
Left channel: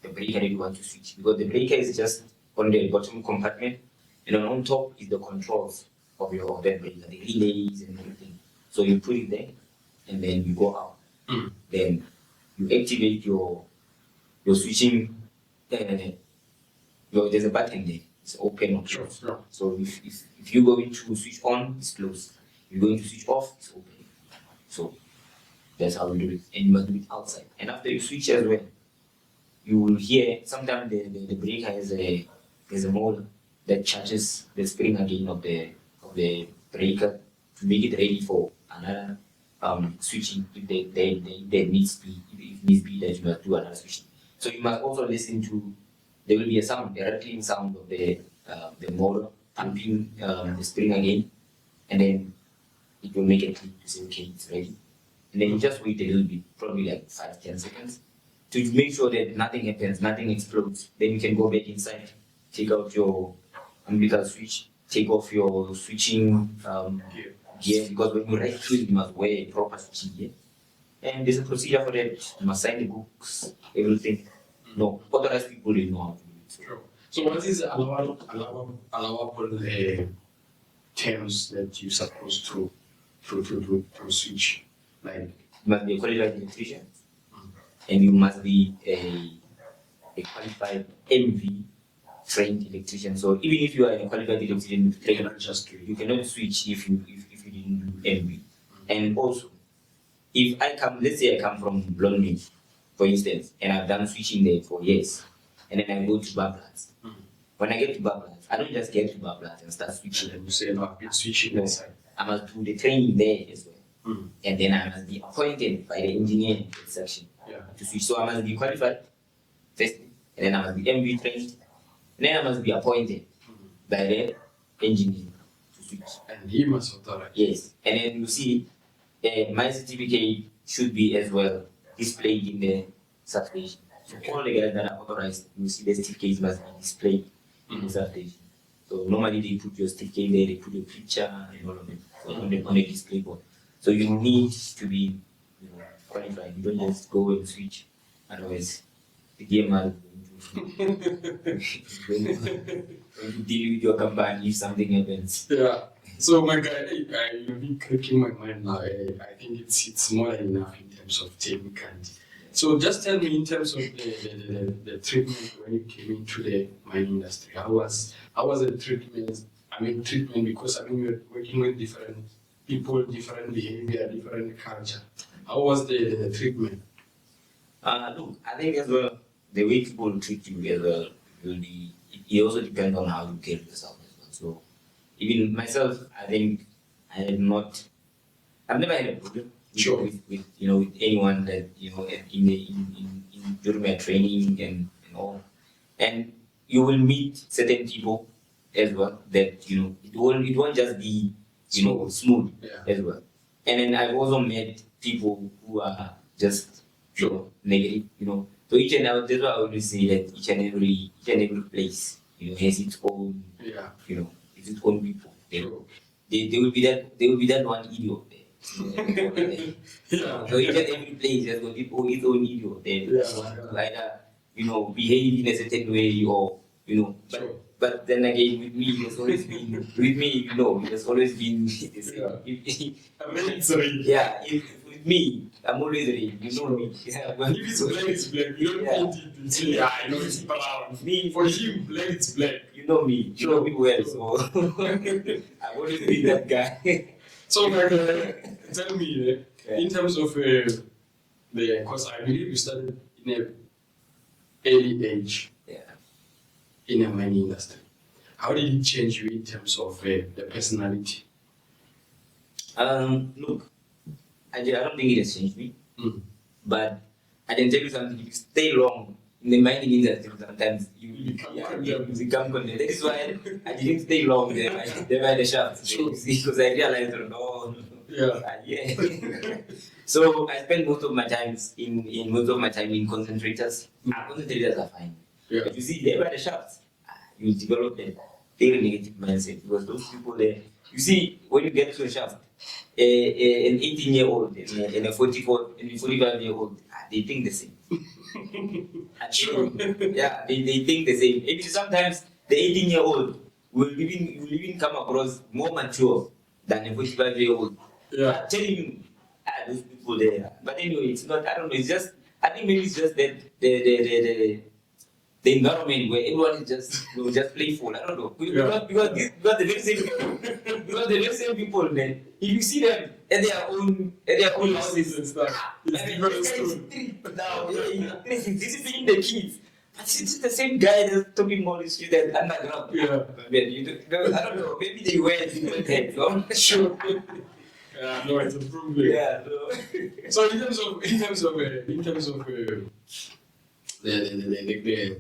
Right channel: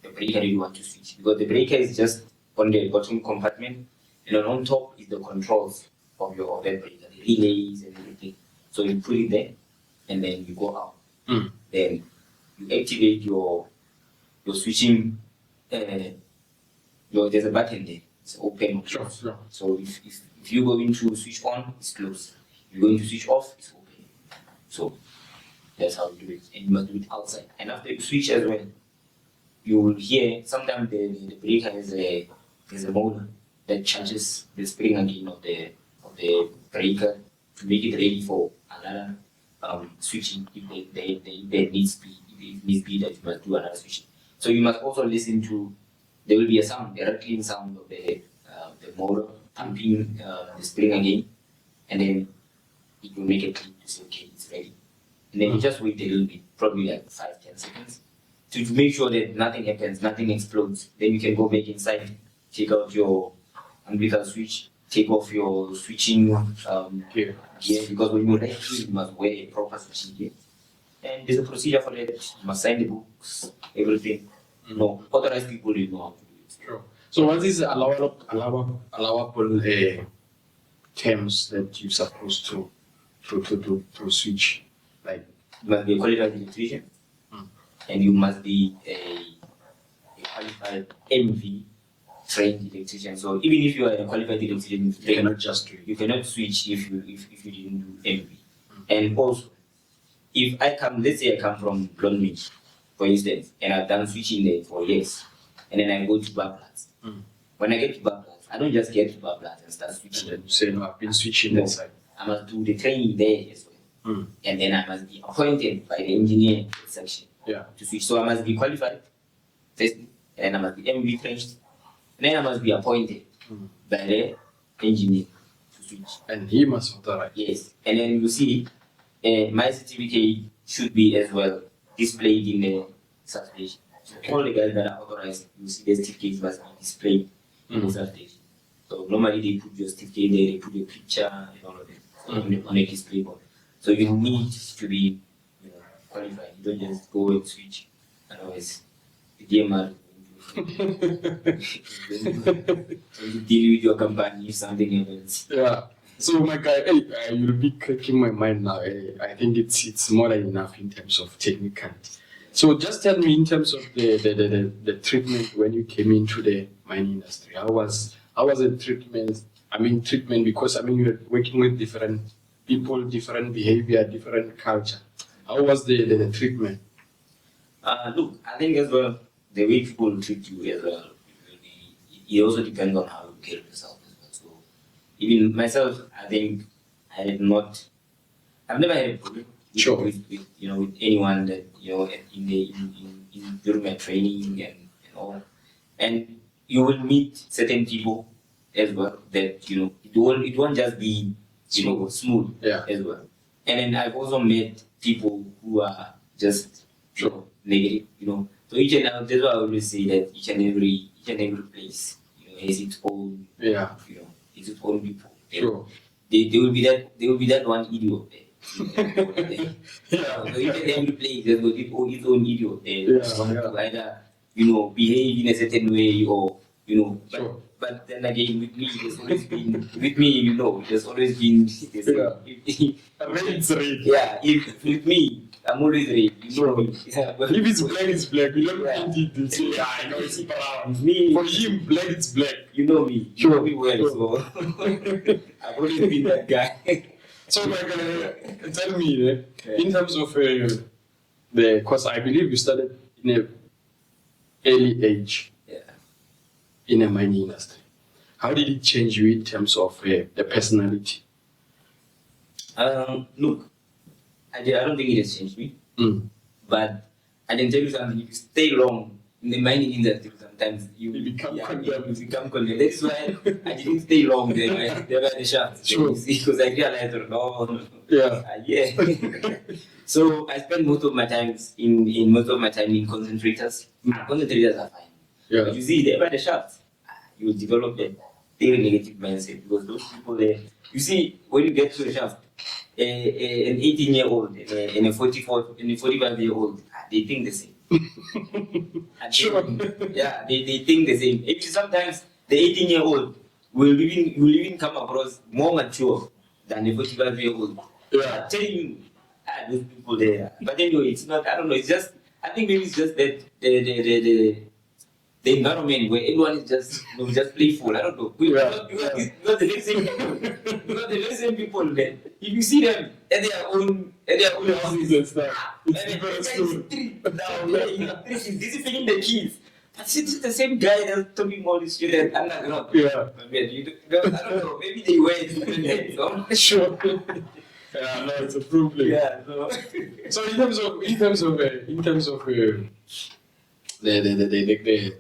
breaker that you want to switch, because the breaker is just on the bottom compartment, and then on top is the controls of that breaker, the relays and everything. So you put it there, and then you go out. Then you activate your switching. There's a button there. It's open or closed. Sure. So if you're going to switch on, it's closed. You're going to switch off, it's open. So that's how you do it, and you must do it outside. And after you switch as well, you will hear sometimes the breaker has a motor that charges the spring again of the breaker to make it ready for another switching if there needs be that you must do another switching. So you must also listen to, there will be a rattling sound of the motor pumping the spring again, and then it will make a click to say, okay, it's ready. And then you just wait a little bit, probably like 5-10 seconds, to make sure that nothing happens, nothing explodes. Then you can go back inside, take out your umbilical switch, take off your switching gear, because when you right click, you must wear a proper switching gear. And there's a procedure for that. You must sign the books, everything. No, authorized people will know how to do it. Sure. So what is allowable terms that you're supposed to switch? Like, you must be a qualified electrician, and you must be a qualified MV trained electrician. So even if you are a qualified electrician, you cannot switch if you didn't do MV. And also, if let's say I come from Blondmead, for instance, and I've done switching there for years, and then I go to Bablas, when I get to Bablas, I don't just get to Bablas and start switching. And you say, no, I've been switching No. inside. I must do the training there as well. And then I must be appointed by the engineering section to switch. So I must be qualified first, and then I must be MV trained, and then I must be appointed by the engineer to switch. And he must authorize. Yes. And then you see, my certificate should be as well displayed in the substation. So all the guys that are authorized, you see the certificates must be displayed in the substation. So normally they put your certificate there, they put your picture and all of that on the display board. So you need to be qualified. You don't just go and switch. Otherwise, the gamer going to deal with your company if something happens. Yeah. So my guy, you'll be cracking my mind now. I think it's more than enough in terms of technicality. So just tell me in terms of the treatment when you came into the mining industry. How was the treatment? I mean treatment because you're working with different people, different behavior, different culture. How was the treatment? Look, I think as well the way people treat you as well it also depends on how you carry yourself as well. So even myself, I think I've never had a problem with anyone that during my training and all. And you will meet certain people as well that it won't just be smooth as well. And then I've also met people who are just negative, So that's why I always say that each and every place, has its own has its own people. There will be that one idiot there. So each and every place has got its own idiot there. To either behave in a certain way or but then again with me there's always been there's always been if with me I'm always red, me. If it's black, it's black. You don't paint it and say, I know it's brown. Me, for him, black, it's black. You know me. You know me well, so I've always been that guy. So, tell me, in terms of because I believe you started in an early age in the mining industry. How did it change you in terms of the personality? Look, I don't think it has changed me. But I can tell you something, if you stay long in the mining industry, sometimes you become condemned. That is why I didn't stay long there by the shafts. Because I realized, So I spend most of my time in concentrators. Concentrators are fine. But you see, there by the shafts, you develop a very negative mindset because those people there, you see, when you get to a shaft, an 18-year-old and a 45-year-old, they think the same. They think the same. Maybe sometimes the 18-year-old will even come across more mature than the 45-year-old. I'm telling you, those people there. But anyway, it's not. I don't know. It's just. I think maybe it's just that the environment where everyone is just playful. I don't know. Because the very same people then, if you see them at their own houses and stuff, it's disciplining the kids. But it's the same guy that's talking all this shit at underground. I don't know. Maybe they wear different heads. I'm not sure. No, it's a problem. So in terms of the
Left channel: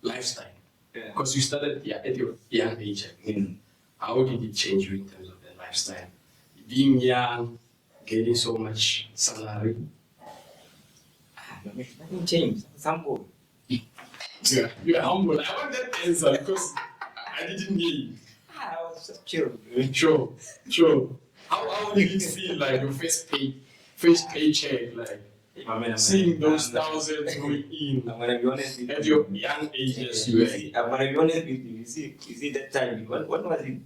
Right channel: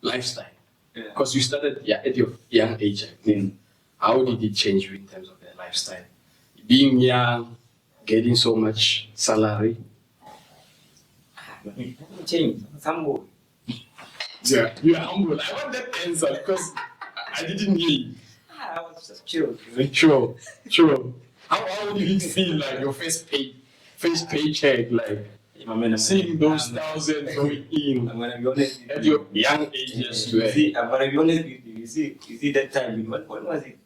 lifestyle, because you started at your young age, how did it change you in terms of the lifestyle? Being young, getting so much salary. Nothing changed. I'm humble. You're humble. I want that answer because I didn't hear you. I was just chill. Sure. How did it feel like your first paycheck, like seeing those thousands going in? I'm gonna be honest with you. At your young age, I'm gonna be honest with you. You see that time. When was it?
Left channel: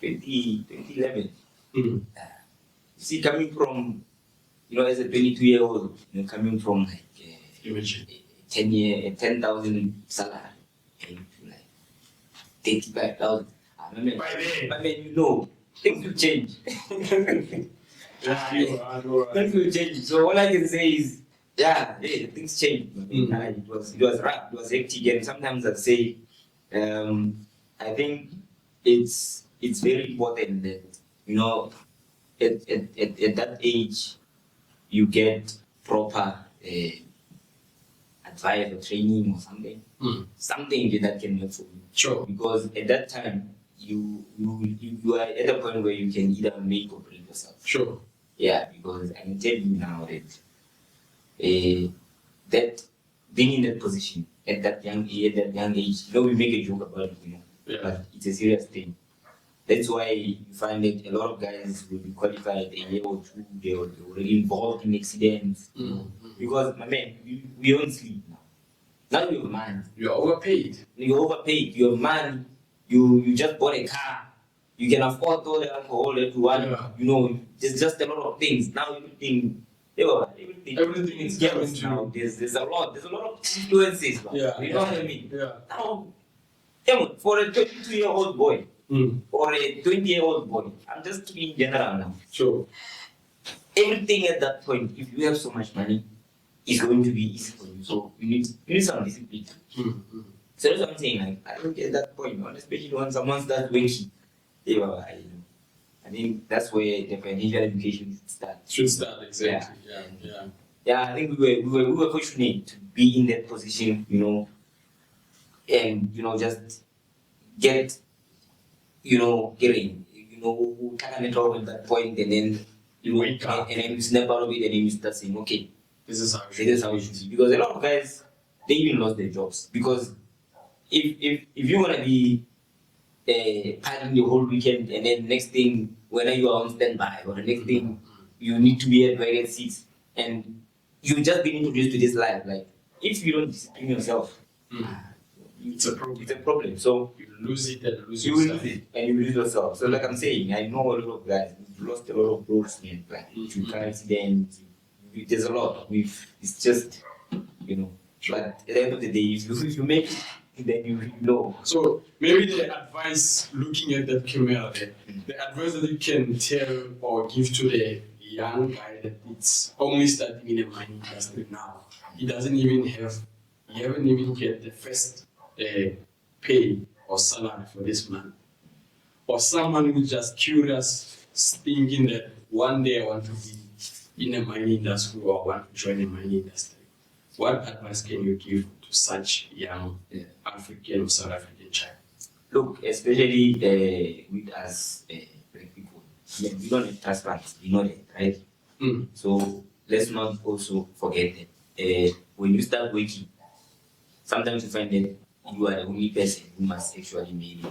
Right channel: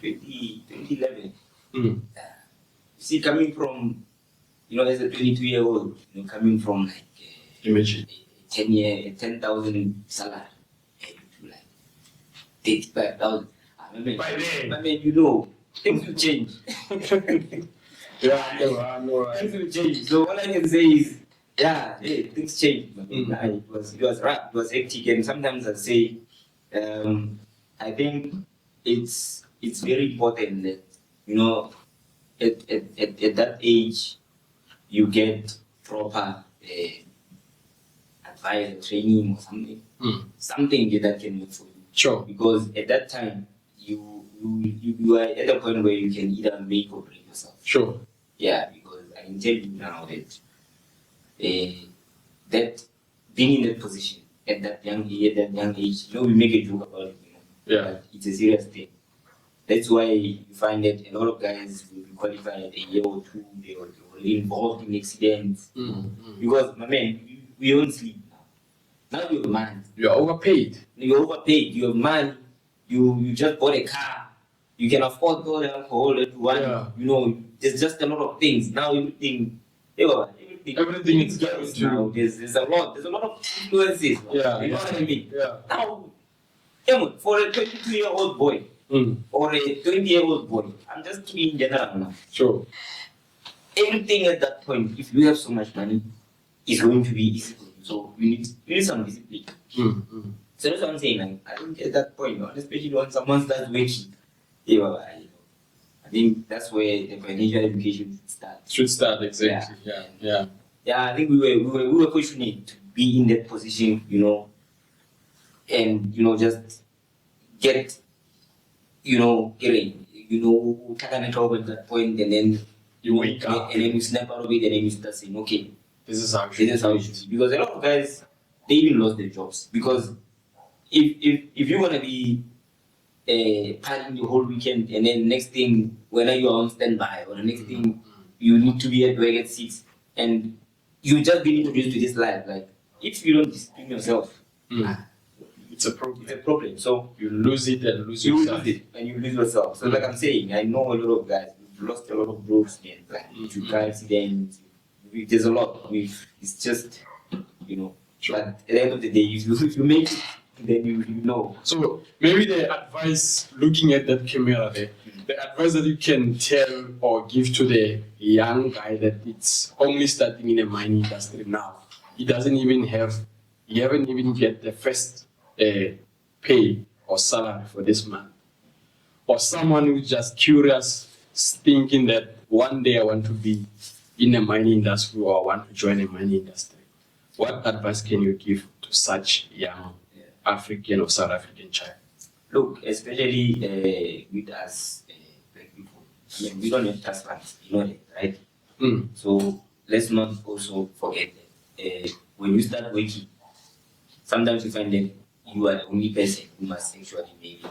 2011. You see, coming from, as a 22-year-old, coming from like imagine 10,000 salary and to like 35,000. By then, I mean, things will change. I know. Things will change. So all I can say is, things change. It was rough. It was hectic, and sometimes I'd say, I think it's very important that, you know, at that age you get proper advice or training or something. Something that can work for you. Sure. Because at that time you are at a point where you can either make or break yourself. Sure. Yeah, because I can tell you now that that being in that position at that young age, you know, we make a joke about it, you know. Yeah. But it's a serious thing. That's why you find that a lot of guys will be qualified a year or two, they were already involved in accidents. Because, my man, we don't sleep now. Now you're a man. You're overpaid. You're overpaid. You're a man. You just bought a car. You can afford all the alcohol that you want. Yeah. You know, there's just a lot of things. Now everything Is girls now. There's a lot of influences. Yeah. You know what I mean? Yeah. Now, for a 22-year-old boy or a 20-year-old boy, I'm just talking in general now. Sure. Everything at that point, if you have so much money, is going to be easy for you. So you need some discipline. So that's what I'm saying. Like, I don't get that point, especially when someone starts working. I think that's where the financial education should start. Exactly. Yeah. Yeah, I think we were fortunate to be in that position, you know, and just getting, taking it over at that point, and then you wake up, and then you snap out of it, and then you start saying, okay, this is how it should be. Because a lot of guys, they even lost their jobs. Because if you're gonna be partying the whole weekend, and then next thing, whether you are on standby or the next thing you need to be at work at 6, and you just been introduced to this life, like, if you don't discipline yourself, it's a problem. It's a problem. So you lose it and lose you yourself. lose it and you lose yourself. So like I'm saying, I know a lot of guys who've lost a lot of bros, man. Like to car accidents. There's a lot. It's just, Sure. But at the end of the day, if you make it, then you know. So maybe the advice, looking at that camera there, the advice that you can tell or give to the young guy that it's only starting in the mining industry now. He haven't even get the first pay or salary for this month. Or someone who's just curious, thinking that one day I want to be in the mining industry or I want to join the mining industry. What advice can you give to such young African or South African child? Look, especially with us black people, we don't have transplants, you know that, right? So let's not also forget that when you start working, sometimes you find that you are the only person who must actually maybe,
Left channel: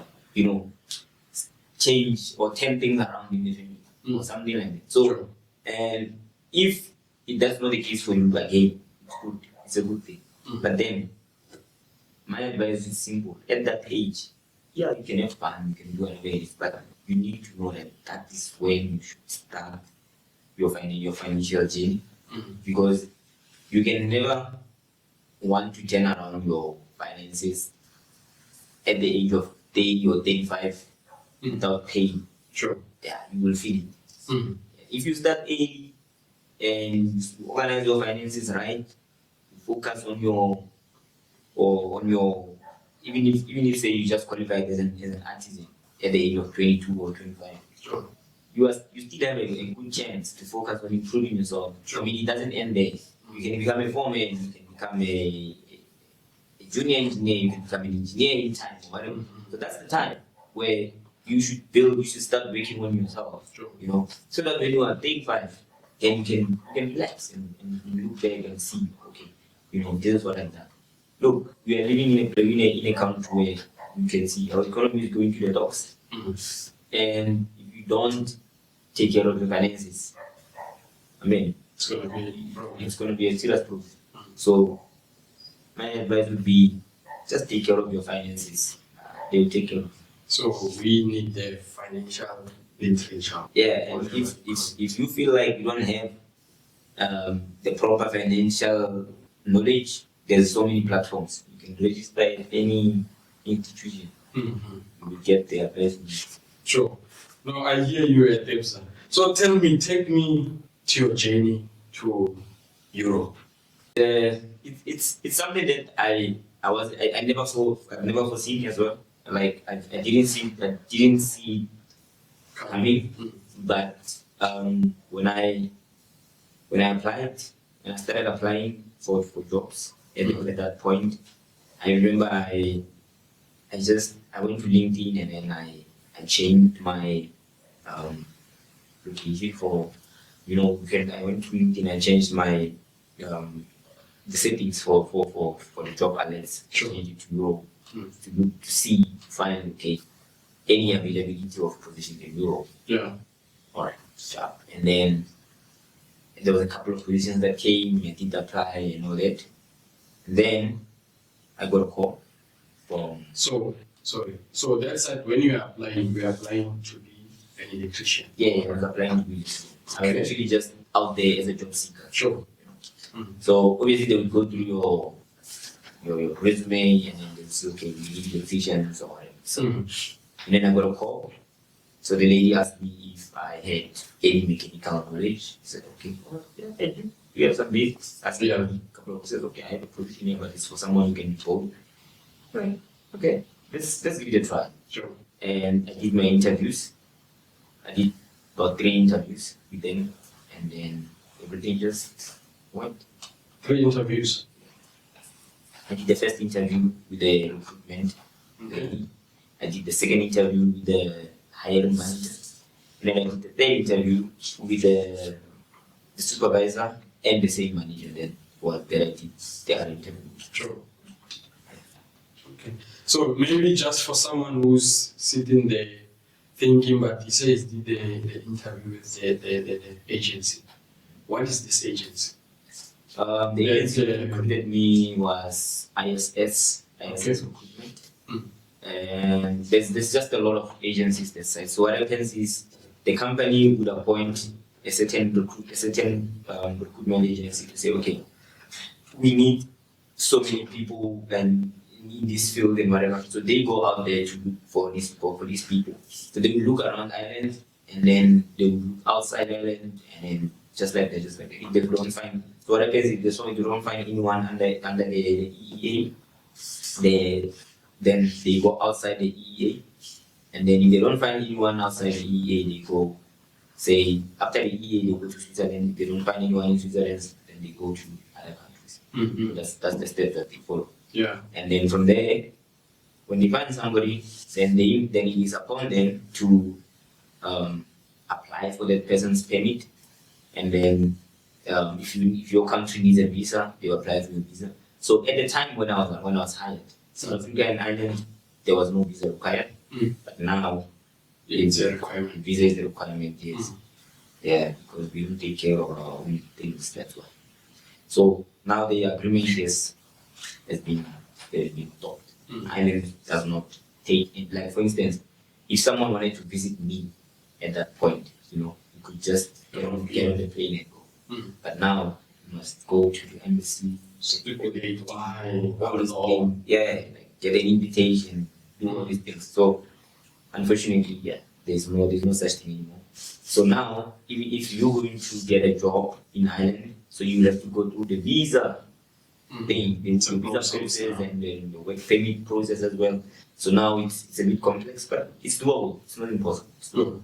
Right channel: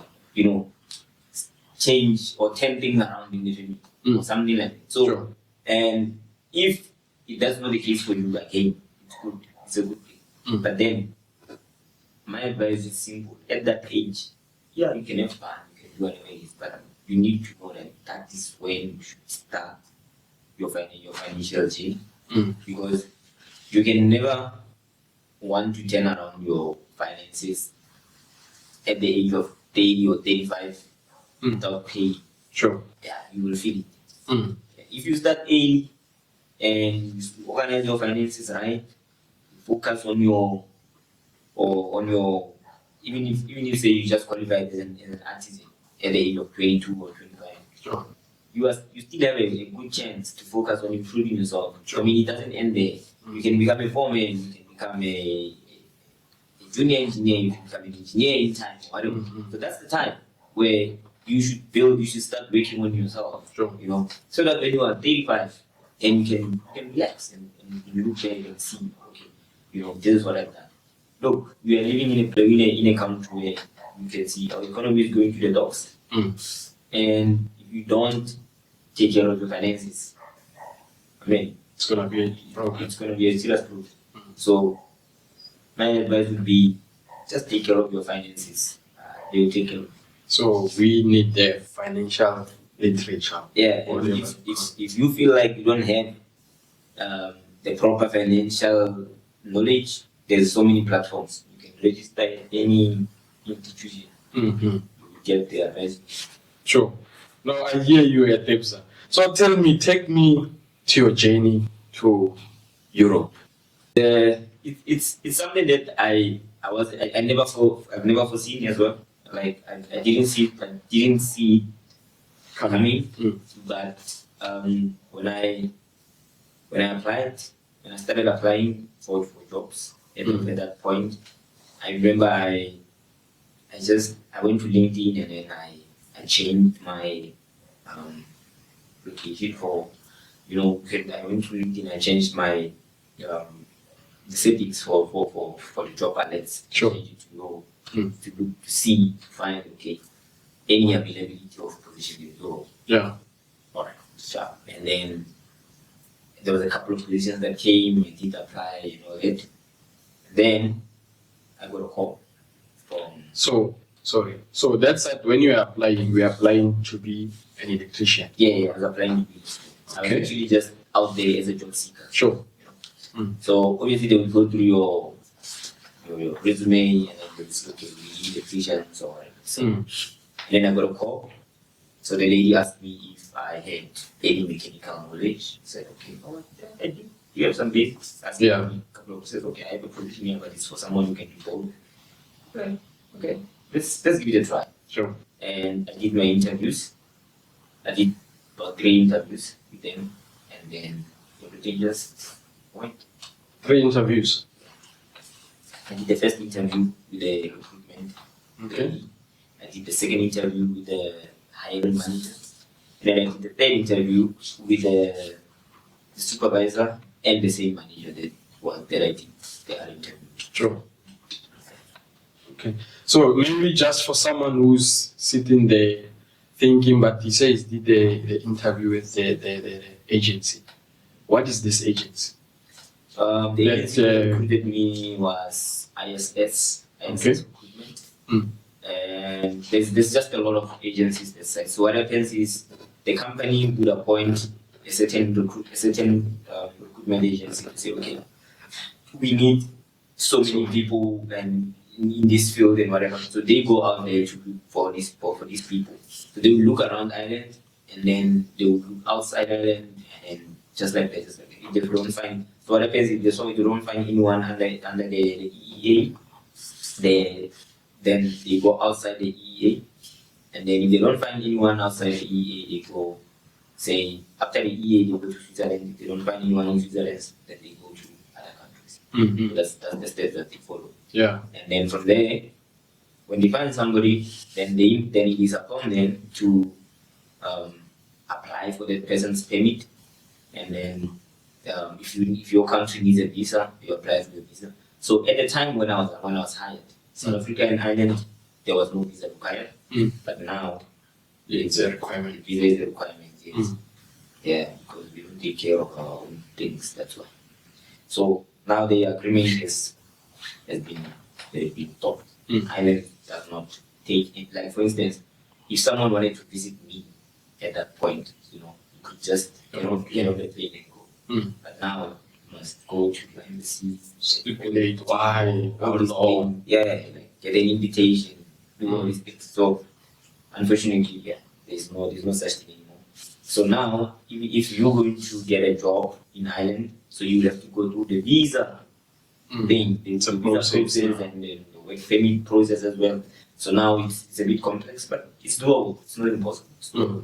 change or turn things around in the family or something like that. So, Sure. And if that's not the case for you, again, it's good. It's a good thing. But then, my advice is simple. At that age, you can have fun, you can do whatever it is, but you need to know that is when you should start your financial journey. Because you can never want to turn around your finances at the age of 30 or 35 without paying. Sure. Yeah, you will feel it. If you start early and you organize your finances right, focus on your even if say you just qualified as an artisan at the age of 22 or 25. Sure. You still have a good chance to focus on improving yourself. Sure. I mean, it doesn't end there. You can become a foreman, you can become a junior engineer, you can become an engineer in time, whatever. So that's the time where you should start working on yourself. Sure. So that when you are 35, and you can relax and you look back and see, okay, this is what I've done. Look, we are living in a country where you can see our economy is going to the dogs. And if you don't take care of your finances, it's gonna be a problem. It's gonna be a serious problem. So my advice would be just take care of your finances. They will take care of you. So we need the financial literature. Yeah, and if you feel like you don't have the proper financial knowledge, there's so many platforms. You can register at any institution. You will get the advice. Sure. Now I hear you at TEBSA. So take me to your journey to Europe. It's something that I I I've never foreseen as well. Like I didn't see it coming. But when I applied, when I started applying for jobs at that point, I remember I went to LinkedIn and then I changed my location for, I went to LinkedIn, I changed my the settings for the job alerts. Sure. Changed it to Europe to look to see, find any availability of position in Europe. Yeah. All right. Sharp. And then there was a couple of positions that came. I did apply and all that. Then I got a call from. So that's it. When you are applying to be an electrician. Yeah, I was applying to be. I was actually just out there as a job seeker. Sure. So obviously they would go through your resume and then they would say, okay, we need electricians or whatever. So and then I got a call. So the lady asked me if I had any mechanical knowledge. I said, okay, yeah, I do. You have some basics. Asked me a couple of questions. Okay, I have a position here, but it's for someone who can report. Right. Okay. Let's give it a try. Sure. And I did my interviews. I did about 3 interviews with them, and then everything just went. 3 interviews. I did the first interview with the recruitment lady. I did the second interview with the hiring manager. And then I did the third interview with the supervisor and the same manager that I did the other interview. Sure. Okay. So maybe just for someone who's sitting there thinking, but he says did the interview with the agency. What is this agency? The agency that recruited me was ISS Recruitment. And there's just a lot of agencies that side. So what happens is the company would appoint a certain recruitment agency to say, okay, we need so many people and in this field and whatever. So they go out there to look for these people. So they will look around Ireland and then they will look outside Ireland and then just like that. If they don't find, so what happens is if they don't find anyone under the EEA, then they go outside the EEA, and then if they don't find anyone outside the EEA, they go, say, after the EEA, they go to Switzerland. If they don't find anyone in Switzerland, then they go to other countries. So that's the steps that they follow. Yeah. And then from there, when they find somebody, then it is upon them to apply for that person's permit, and then if your country needs a visa, they apply for the visa. So at the time when I was hired, South Africa and Ireland, there was no visa required. But now it's a requirement. Visa is a requirement, yes. Yeah, because we don't take care of our own things, that's why. So now the agreement has been stopped. Ireland does not take it. Like for instance, if someone wanted to visit me at that point, you could just get on the plane and go. But now you must go to the embassy, stipulate why, all this thing. Yeah, like get an invitation, do all these things. So unfortunately, yeah, there's no such thing anymore. So now, if you're going to get a job in Ireland, so you have to go through the visa thing, the visa process and then the work permit process as well. So now it's a bit complex, but it's doable. It's not impossible. It's doable.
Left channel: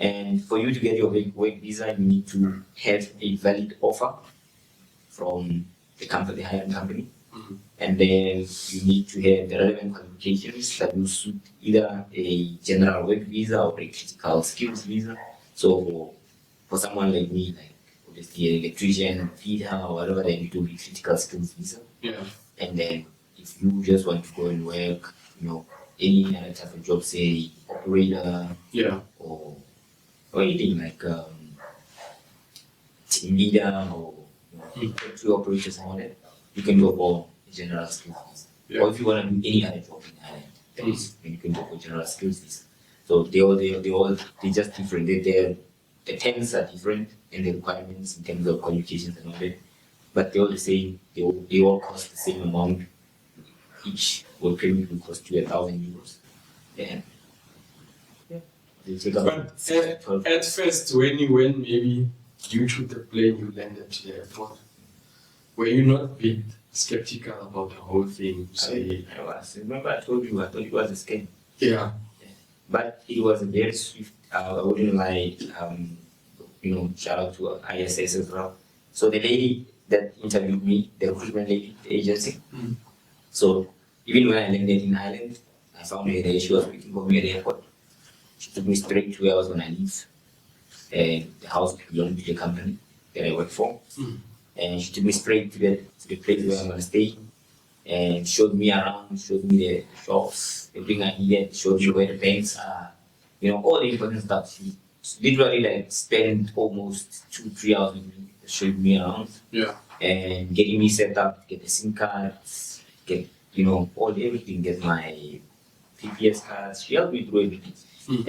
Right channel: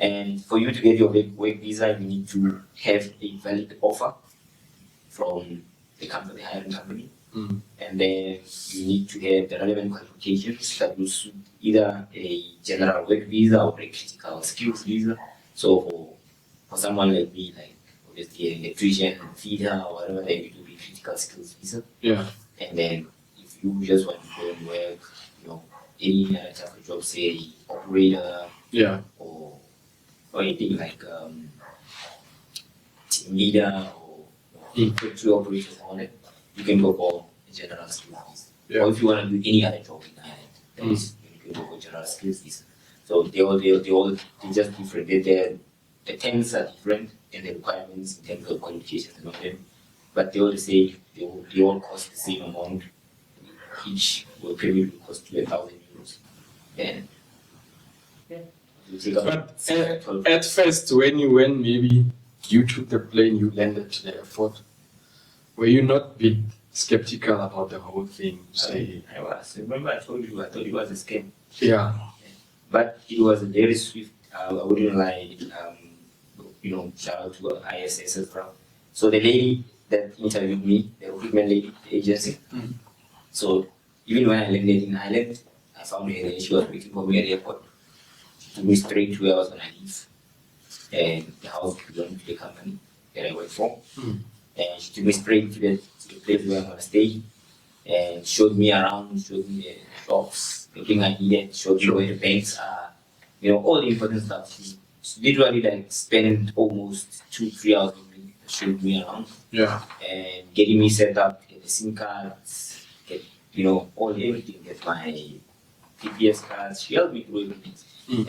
And for you to get your work visa, you need to have a valid offer from the hiring company. And then you need to have the relevant qualifications that will suit either a general work visa or a critical skills visa. So for someone like me, like obviously an electrician, fitter, or whatever, then it will be critical skills visa. Yeah. And then if you just want to go and work, any other type of job, say operator, or anything like team leader or factory operators and all that, you can go for a general skills visa. Yeah. Or if you want to do any other job in Ireland, then you can go for general skills visa. So they're just different. The terms are different and the requirements in terms of qualifications and all that. But they all say they all cost the same amount. Each work permit will cost you €1,000. And but at first, when maybe you took the plane, you landed to the airport, were you not a bit skeptical about the whole thing. Say, I was. Remember, I told you, I thought it was a scam. yeah, But it was very swift. I wouldn't lie. Shout out to ISS as well. So the lady that interviewed me, the recruitment lady, the agency. So even when I landed in Ireland, I found her there. She was waiting for me at the airport. She took me straight to where I was going to leave. And the house belonged to the company that I work for. And she took me straight to the place where I'm going to stay. And showed me around, showed me the shops, everything I needed, showed me where the banks are, all the important stuff. She literally spent almost 2-3 hours with me, showing me around. Yeah. And getting me set up, get the SIM cards, get everything, get my PPS cards. She helped me through everything.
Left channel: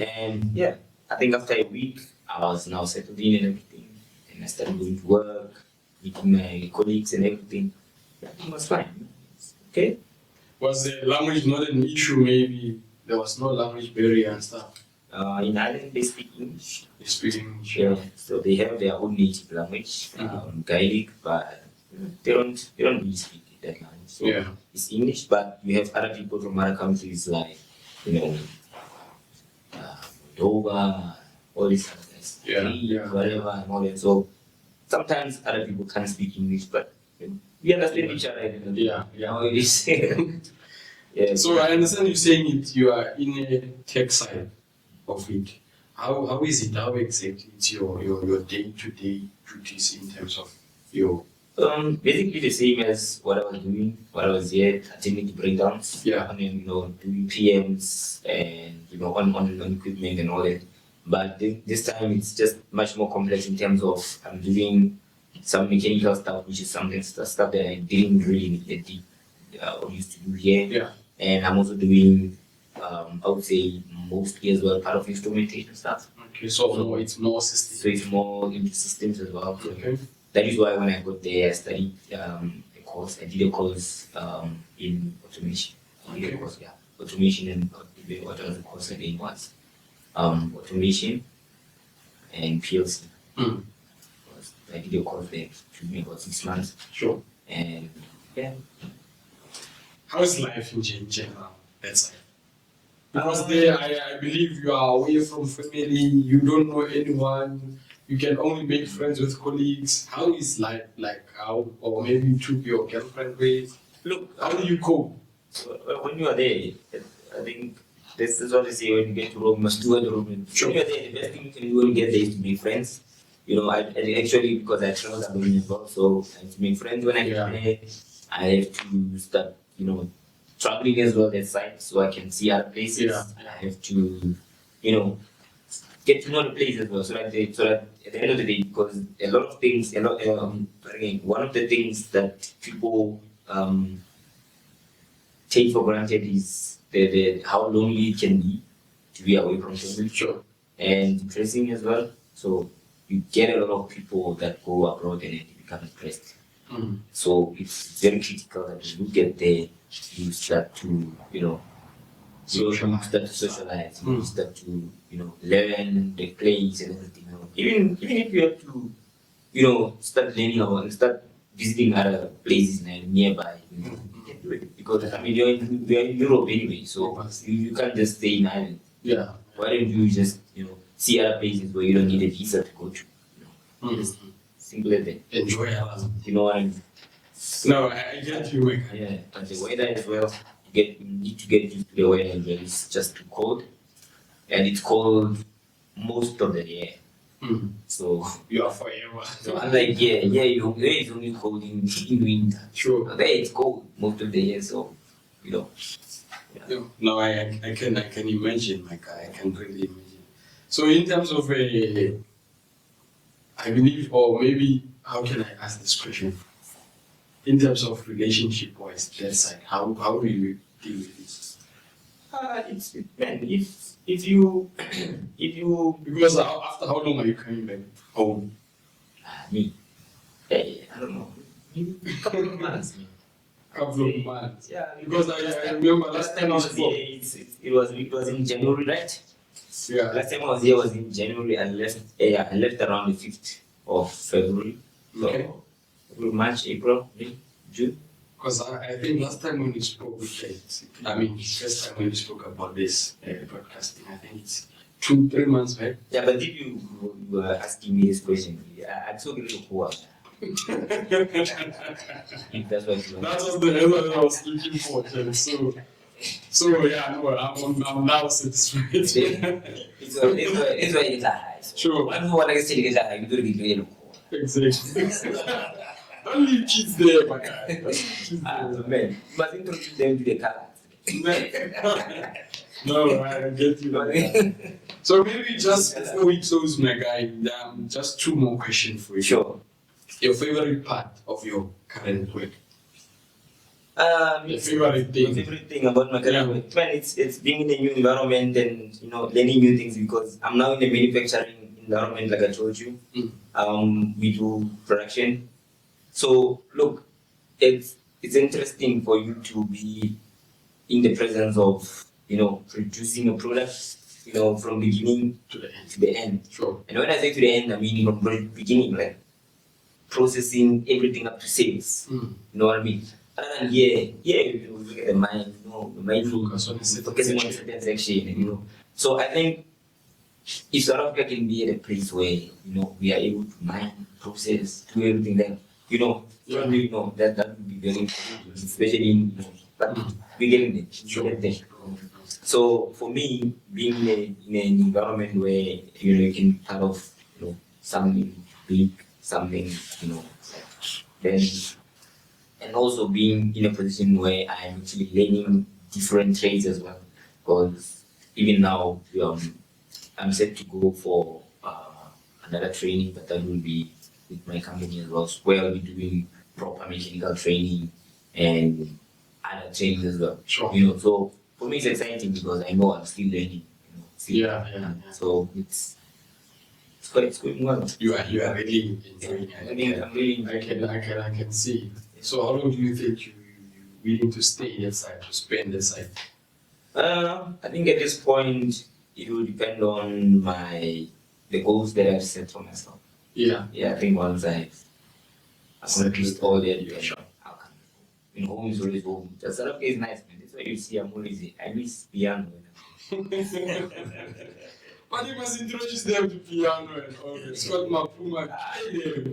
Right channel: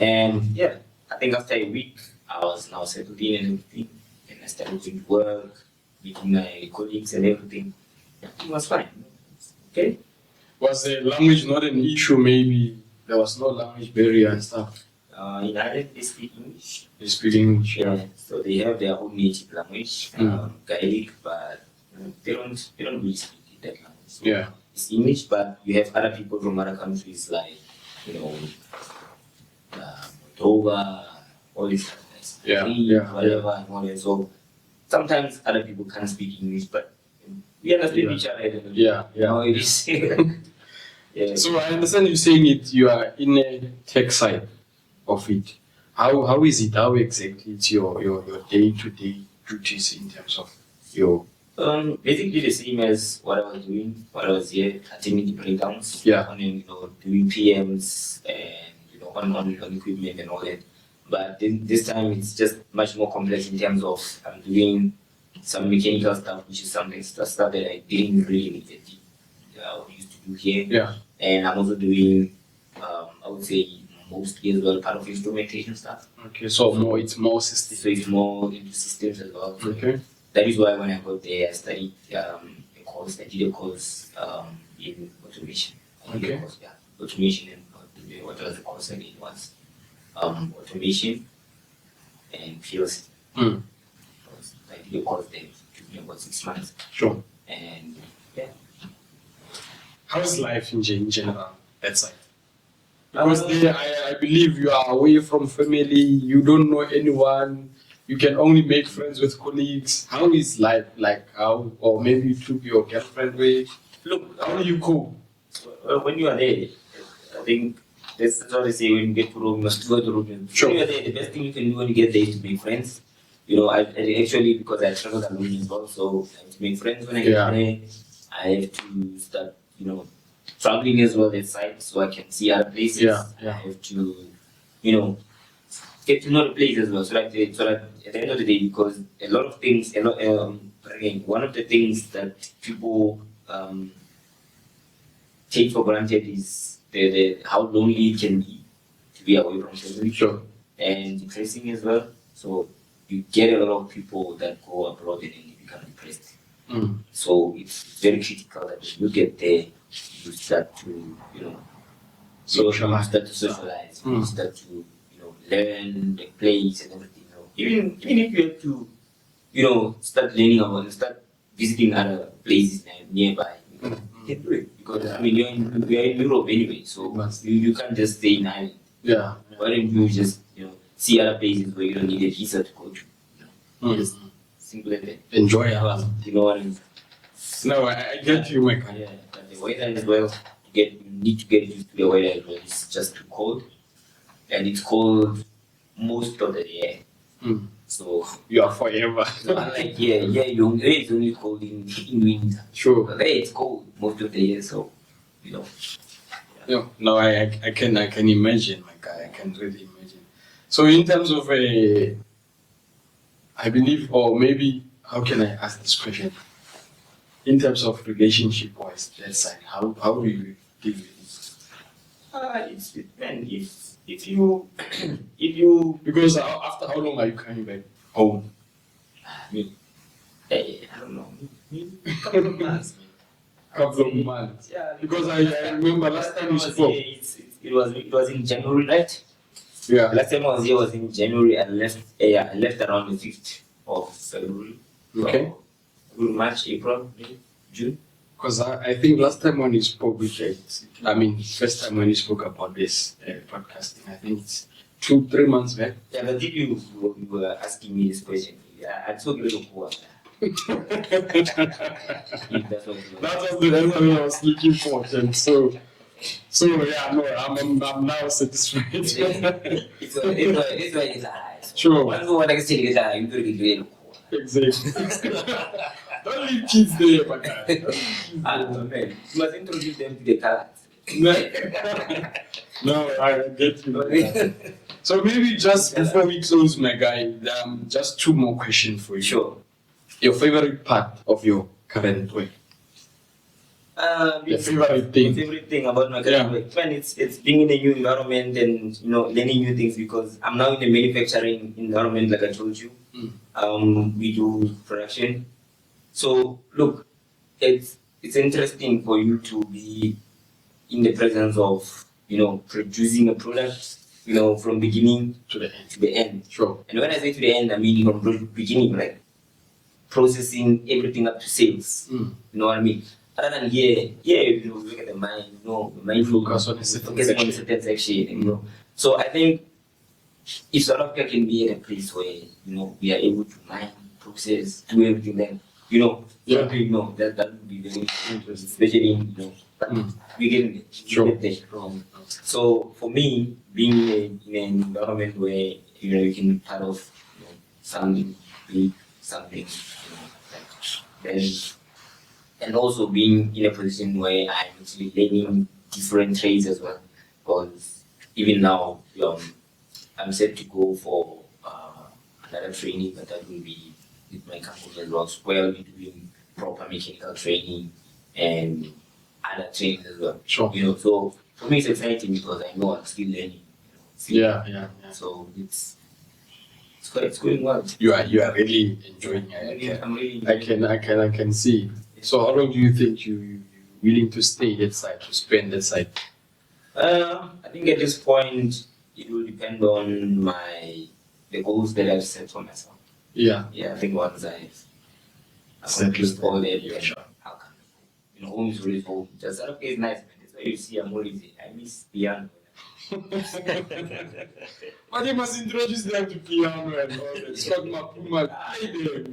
And yeah, I think after a week I was now settled in and everything. And I started going to work, meeting my colleagues and everything. Yeah, it was fine. Okay. Was the language not an issue? Maybe there was no language barrier and stuff. In Ireland, they speak English. They speak English. Yeah. So they have their own native language, Gaelic, but they don't really speak that language. So Yeah. it's English, but you have other people from other countries like, Moldova, all these other guys, Yeah, Greek, yeah, whatever, and all that. So sometimes other people can't speak English, but we understand each other. Yeah, yeah. How it is. Yeah. So I understand you saying it. You are in a tech side of it. How is it? How exactly it's your day-to-day duties in terms of your? Basically the same as what I was doing, what I was here, attending the breakdowns. Yeah. And then, doing PMs and, on equipment and all that. But this time it's just much more complex in terms of I'm doing some mechanical stuff, which is stuff that I didn't really used to do here. Yeah. And I'm also doing, I would say, mostly as well, part of instrumentation stuff. Okay, so it's more system. So it's more into systems as well. So Okay. that is why when I got there, I studied I did a course in automation. Okay. Automation and what was the course again was automation and PLC. I did a course there, took me about 6 months. Sure. And yeah. How's life in general that side? Because there, I believe you are away from family. You don't know anyone. You can only make friends with colleagues. How is life like? How, or maybe you took your girlfriend away. Look, How do you cope? when you are there, I think this is what they say: when you get to Rome, you must do what the Rome. Sure. When you are there, the best thing you can do when you get there is to make friends. I actually, because I traveled alone as well, so I have to make friends when I get there. I have to start, traveling as well that side, so I can see other places. Yeah. I have to, get to know the place as well, so that at the end of the day, because a lot of things, again, one of the things that people take for granted is the how lonely it can be to be away from family. Sure. And depressing as well. So you get a lot of people that go abroad and then they become depressed. So it's very critical that when you get there, you start to, Socialize. You start to socialize. You start to, learn the place and everything. Even if you have to, start learning start visiting other places nearby. You can do it because you're in Europe anyway, so you can't just stay in Ireland. Yeah. Why don't you just see other places where you don't need a visa to go to? Just simple as that. Enjoy your life. You know what I mean? No, I get you, my guy. Yeah, but the weather as well. You need to get used to the weather as well. It's just too cold, and it's cold most of the day. So You are forever. unlike here it's only cold in winter. Sure. But there it's cold most of the year. So Yeah. No, I can imagine, my guy. I can really imagine. So in terms of I believe, or maybe, how can I ask this question? In terms of relationship-wise, that side, how do you deal with it? if you Because after how long are you coming back home? I don't know, maybe a couple of months. Couple of months. Yeah, Because I remember last time I we was spoke. here, it was in January, right? Yeah. Last time I was here was in January. I left around the 5th of February. So, Okay. March, April, May, June. Because I think last time when you spoke with first time when you spoke about this podcasting, I think it's 2-3 months back. Yeah, but if you were asking me this question, I took a little while. If that's what you want. That was the answer I was looking for. Then. So yeah, no, I'm now satisfied. It's why it's high. Sure. One who want to say it's high, you do it really cool. Exactly. Don't leave kids there, my guy. Man, you must introduce them to the colors. No, I get you. So maybe just before we close, my guy, just 2 more questions for you. Sure. Your favorite part of your current work? The favorite thing about my career, man, it's being in a new environment and learning new things, because I'm now in the manufacturing environment, like I told you. We do production. So look, it's interesting for you to be in the presence of producing a product, from beginning To the end. Sure. And when I say to the end, I mean from beginning, like processing everything up to sales. You know what I mean? Other than look at the mind, the mind Focusing on a certain section, So I think if South Africa can be at a place where we are able to mine, process, do everything, then that would be very important, especially in but we're getting there. Sure. So for me, being in an environment where you can be part of something big, something then, and also being in a position where I'm actually learning different trades as well, because even now I'm set to go for another training, but that will be with my company as well, where I'll be doing proper mechanical training and other trainings as well. Sure. So for me it's exciting because I know I'm still learning. Yeah. So it's going well. You are really enjoying it. I'm really enjoying I can see. So how long do you think you're willing to stay that side, to spend that side? I think at this point it will depend on the goals that I've set for myself. Yeah. I think once I've accomplished all that, yeah, sure. I'll come. Home is always home. Just South Africa is nice, man. That's why you see I'm always I miss piano. But you must introduce them to piano and all that. Scott Mapuma,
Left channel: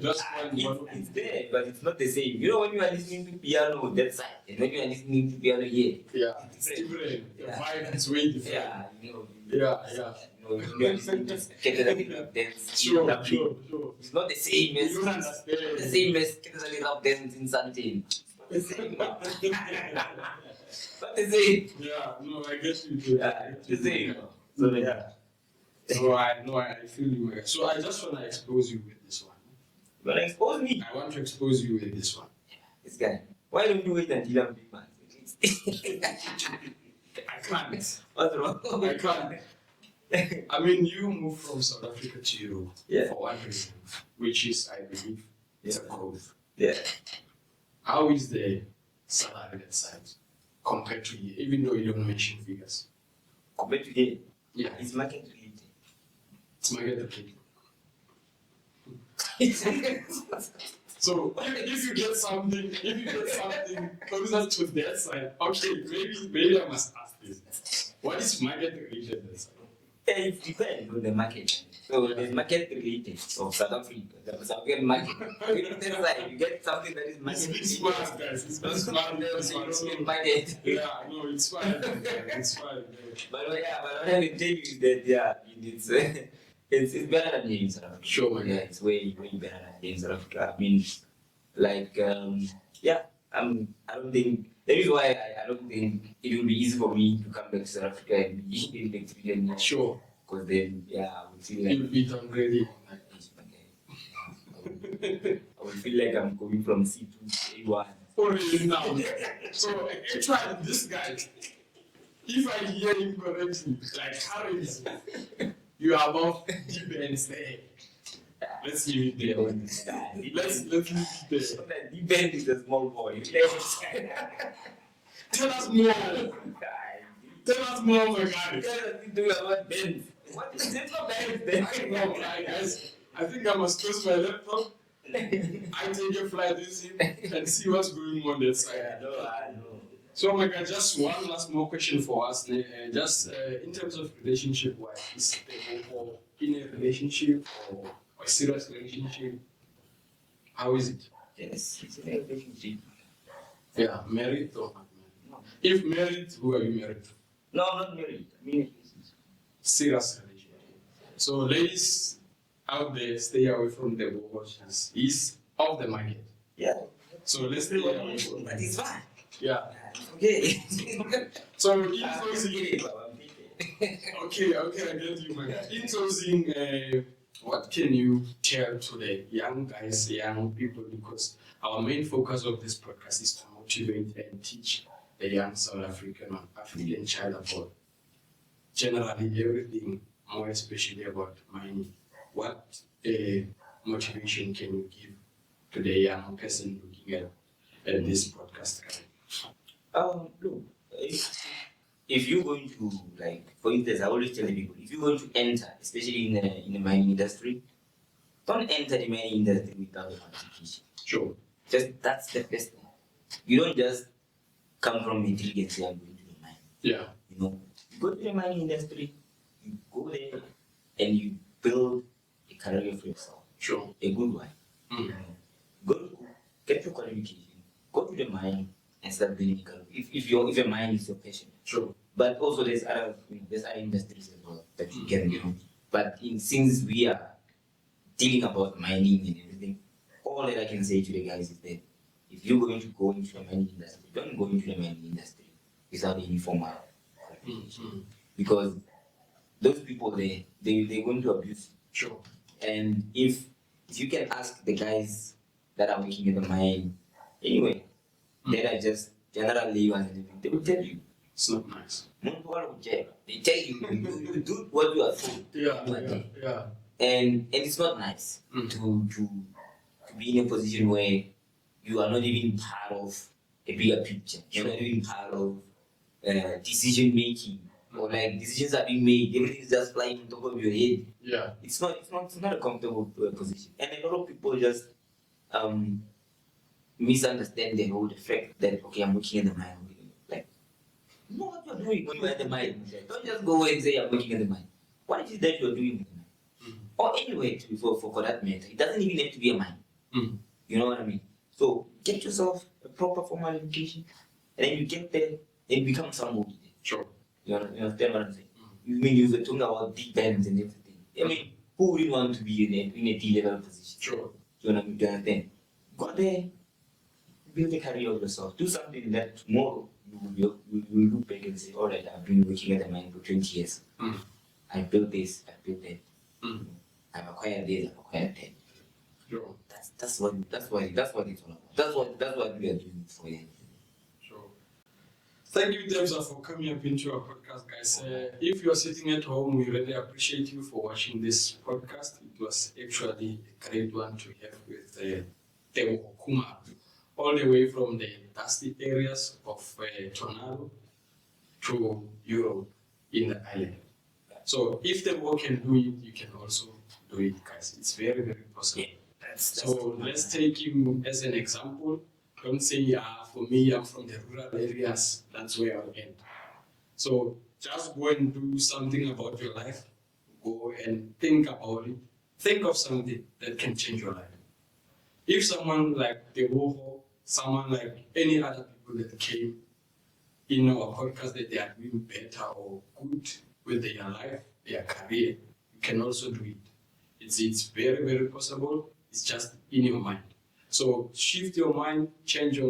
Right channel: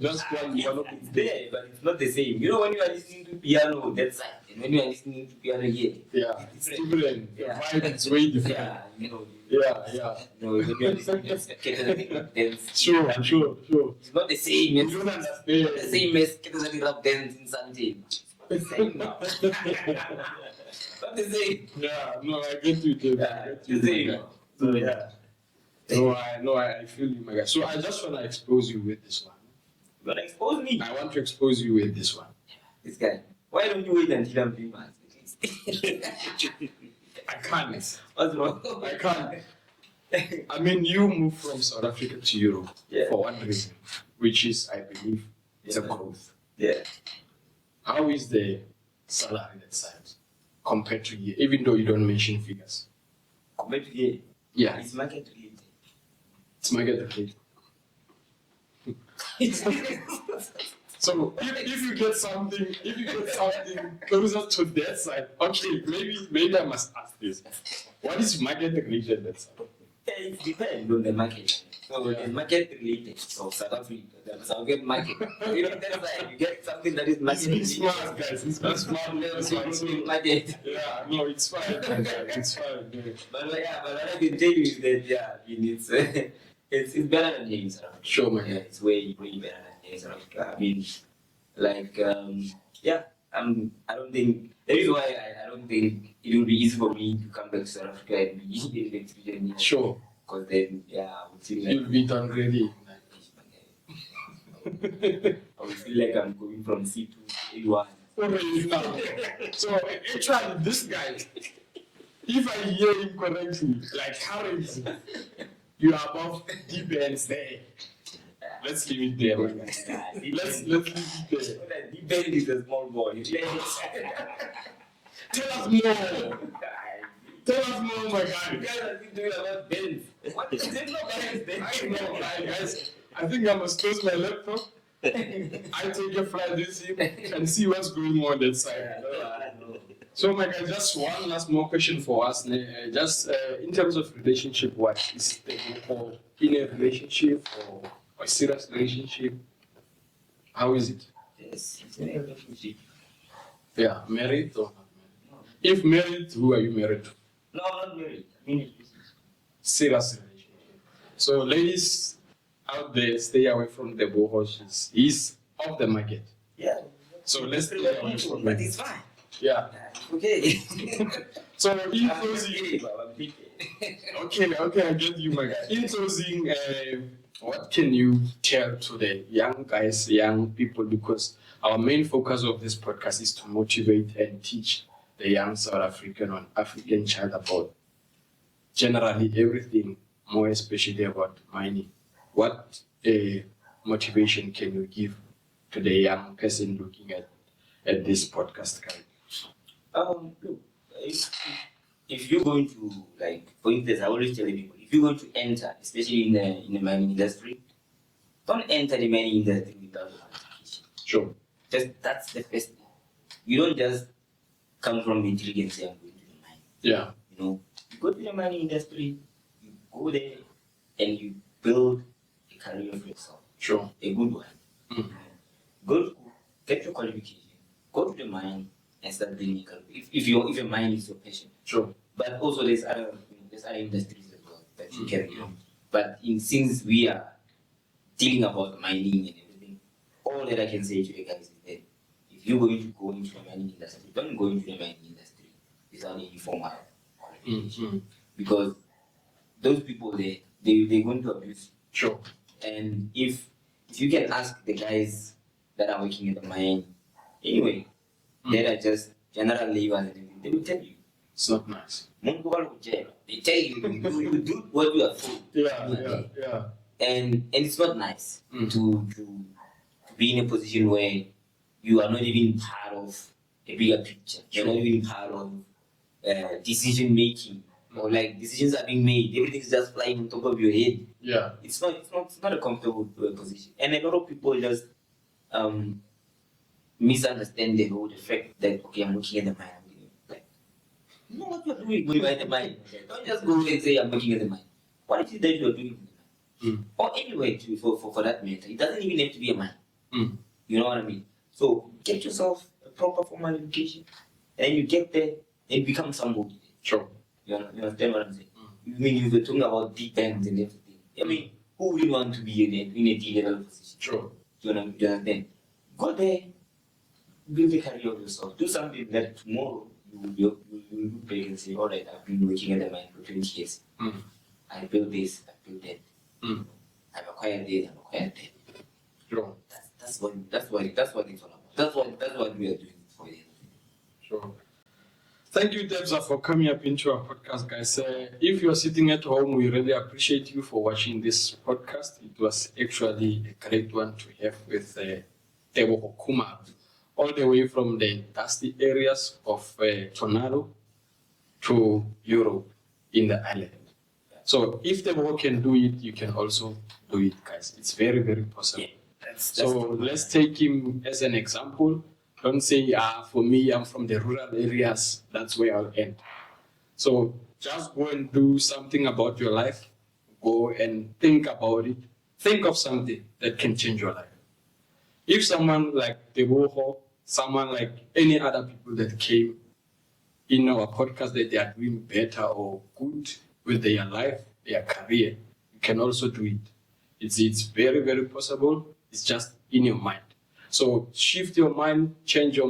just one. It's there, but it's not the same. When you are listening to piano that side, and when you are listening to piano here, it's different. The vibe is way different. Yeah. When you are listening to dance. Sure. It's not the same as You don't understand. not the same as Ketanani rap dance in Santin. Not the same. Not the same. Yeah, no, I get you. Dude. The same. So I feel you, my guy. So I just want to expose you with this one. You want to expose me? I want to expose you with this one. This guy. Why don't you wait until I'm famous? I can't. What's wrong? I can't. I mean, you moved from South Africa to Europe for one reason, which is, I believe, it's a growth. Yeah. How is the salary that side compared to here, even though you don't mention figures? Compared to here? Yeah. It's market related. It's market related. So if you get something closer to that side, okay, maybe I must ask this. What is market related that side? It depends on the market. So there's market related. So South Africa, the South African market. That side, you get something that is market related. It's smart, guys. It's not smart. Market. Yeah, no, it's fine. It's fine. Yeah. But what I can tell you is that it's better than here in South Africa. Sure, man. Yeah, it's way better than here in South Africa. I mean, I don't think that is why I don't think it will be easy for me to come back to South Africa and be an electrician. Sure. Because then, I would feel like you'll be done ready. I would feel like I'm going from C2 to A1. Already now. So actually, this guy, if I hear him correctly, like currency, you are above deep ends there. Let's leave it there. Let's leave it there. Deep end is a small boy. Tell us more. Tell us more, my guy. You guys are doing about bends. What is it? No bends then. I know, guys. I think I must close my laptop. I take a flight with him and see what's going on that side. I know. So, my guy, just one last more question for us. Just in terms of relationship, what is Tebogo in a relationship or a serious relationship? How is it? Yes, it's in a relationship. Yeah, married or not married? No, If married, who are you married to? no, I'm not married. I mean, it's Serious relationship. So, ladies out there, stay away from the bohos. He's off the market. yeah. So let's stay away from But it. it's fine. Yeah. Okay. So in I'm closing, kidding, but I'm kidding. okay, I get you, my guy. In closing, what can you tell to the young guys, young people? Because our main focus of this podcast is to motivate and teach the young South African or African child about generally everything, more especially about mining. What motivation can you give to the young person looking at this podcast, guy? Look, if you're going to, like, for instance, I always tell people, if you're going to enter, especially in the mining industry, don't enter the mining industry without a qualification. Sure. That's the first thing. You don't just come from intelligence and go into the mine. Yeah. You know, you go to the mining industry, you go there, and you build a career for yourself. Sure. A good one. Mm. Go to school, get your qualification, go to the mine, and start building a career. If a mine is your passion. Sure. But also there's other industries as well that you can do. But since we are dealing about mining and everything, all that I can say to the guys is that if you're going to go into the mining industry, don't go into the mining industry without any formal qualification. Because those people they're going to abuse you. Sure. And if you can ask the guys that are working in the mine, anyway, that are just general laborers and everything, they will tell you. It's not nice. They tell you do what you are told. Yeah. And it's not nice to be in a position where you are not even part of a bigger picture. You're not even part of decision making, or like decisions are being made. Everything is just flying on top of your head. Yeah. It's not a comfortable position. And a lot of people just misunderstand the fact that, okay, I'm working in the mine. Like, you know what you're doing when you're in the mine. Don't just go and say I'm working in the mine. What is it that you're doing in the mine? Or anyway, for that matter, it doesn't even have to be a mine. You know what I mean? So get yourself a proper formal education, and then you get there and become somebody. Sure. You understand what I'm saying? You mean you were talking about deep bands and everything. I mean, who wouldn't want to be in a D-level position? Sure. Do you understand? Go there, build a career of yourself. Do something that tomorrow you will look back and say, all right, I've been working at the mine for 20 years. I built this, I built that. I've acquired this, I've acquired that. Sure. That's what it's all about. That's what we are doing for you. Sure. Thank you, Debza, for coming up into our podcast, guys. If you're sitting at home, we really appreciate you for watching this podcast. It was actually a great one to have with TEBOGO KHUMALO, all the way from the dusty areas of Tornado to Europe in the island. So if TEBOGO can do it, you can also do it, guys. It's very, very possible. Yeah, so let's take him as an example. Don't say, for me, I'm from the rural areas, that's where I'll end. So just go and do something about your life. Go and think about it. Think of something that can change your life. If someone like TEBOGO, someone like any other people that came in our podcast that they are doing better or good with their life, their career, you can also do it. It's very, very possible. It's just in your mind. So shift your mind, change how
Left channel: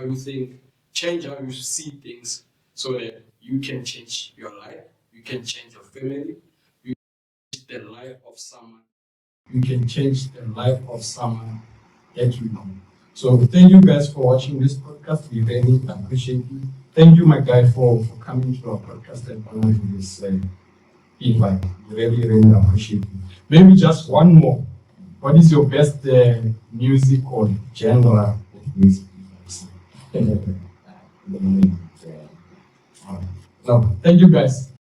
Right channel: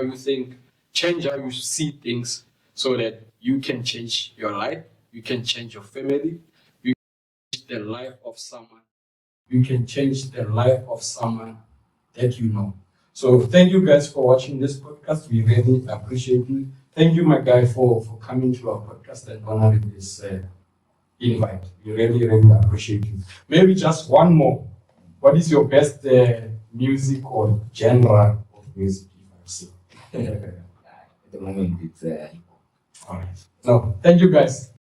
you think, change how you see things so that you can change your life, you can change your family, you can change the life of someone. You can change the life of someone that you know. So thank you guys for watching this podcast. We really appreciate you. Thank you, my guy, for coming to our podcast and honoring this invite. We really, really appreciate you. Maybe just one more. What is your best music or genre of music? At the moment, it's all right. So, thank you guys.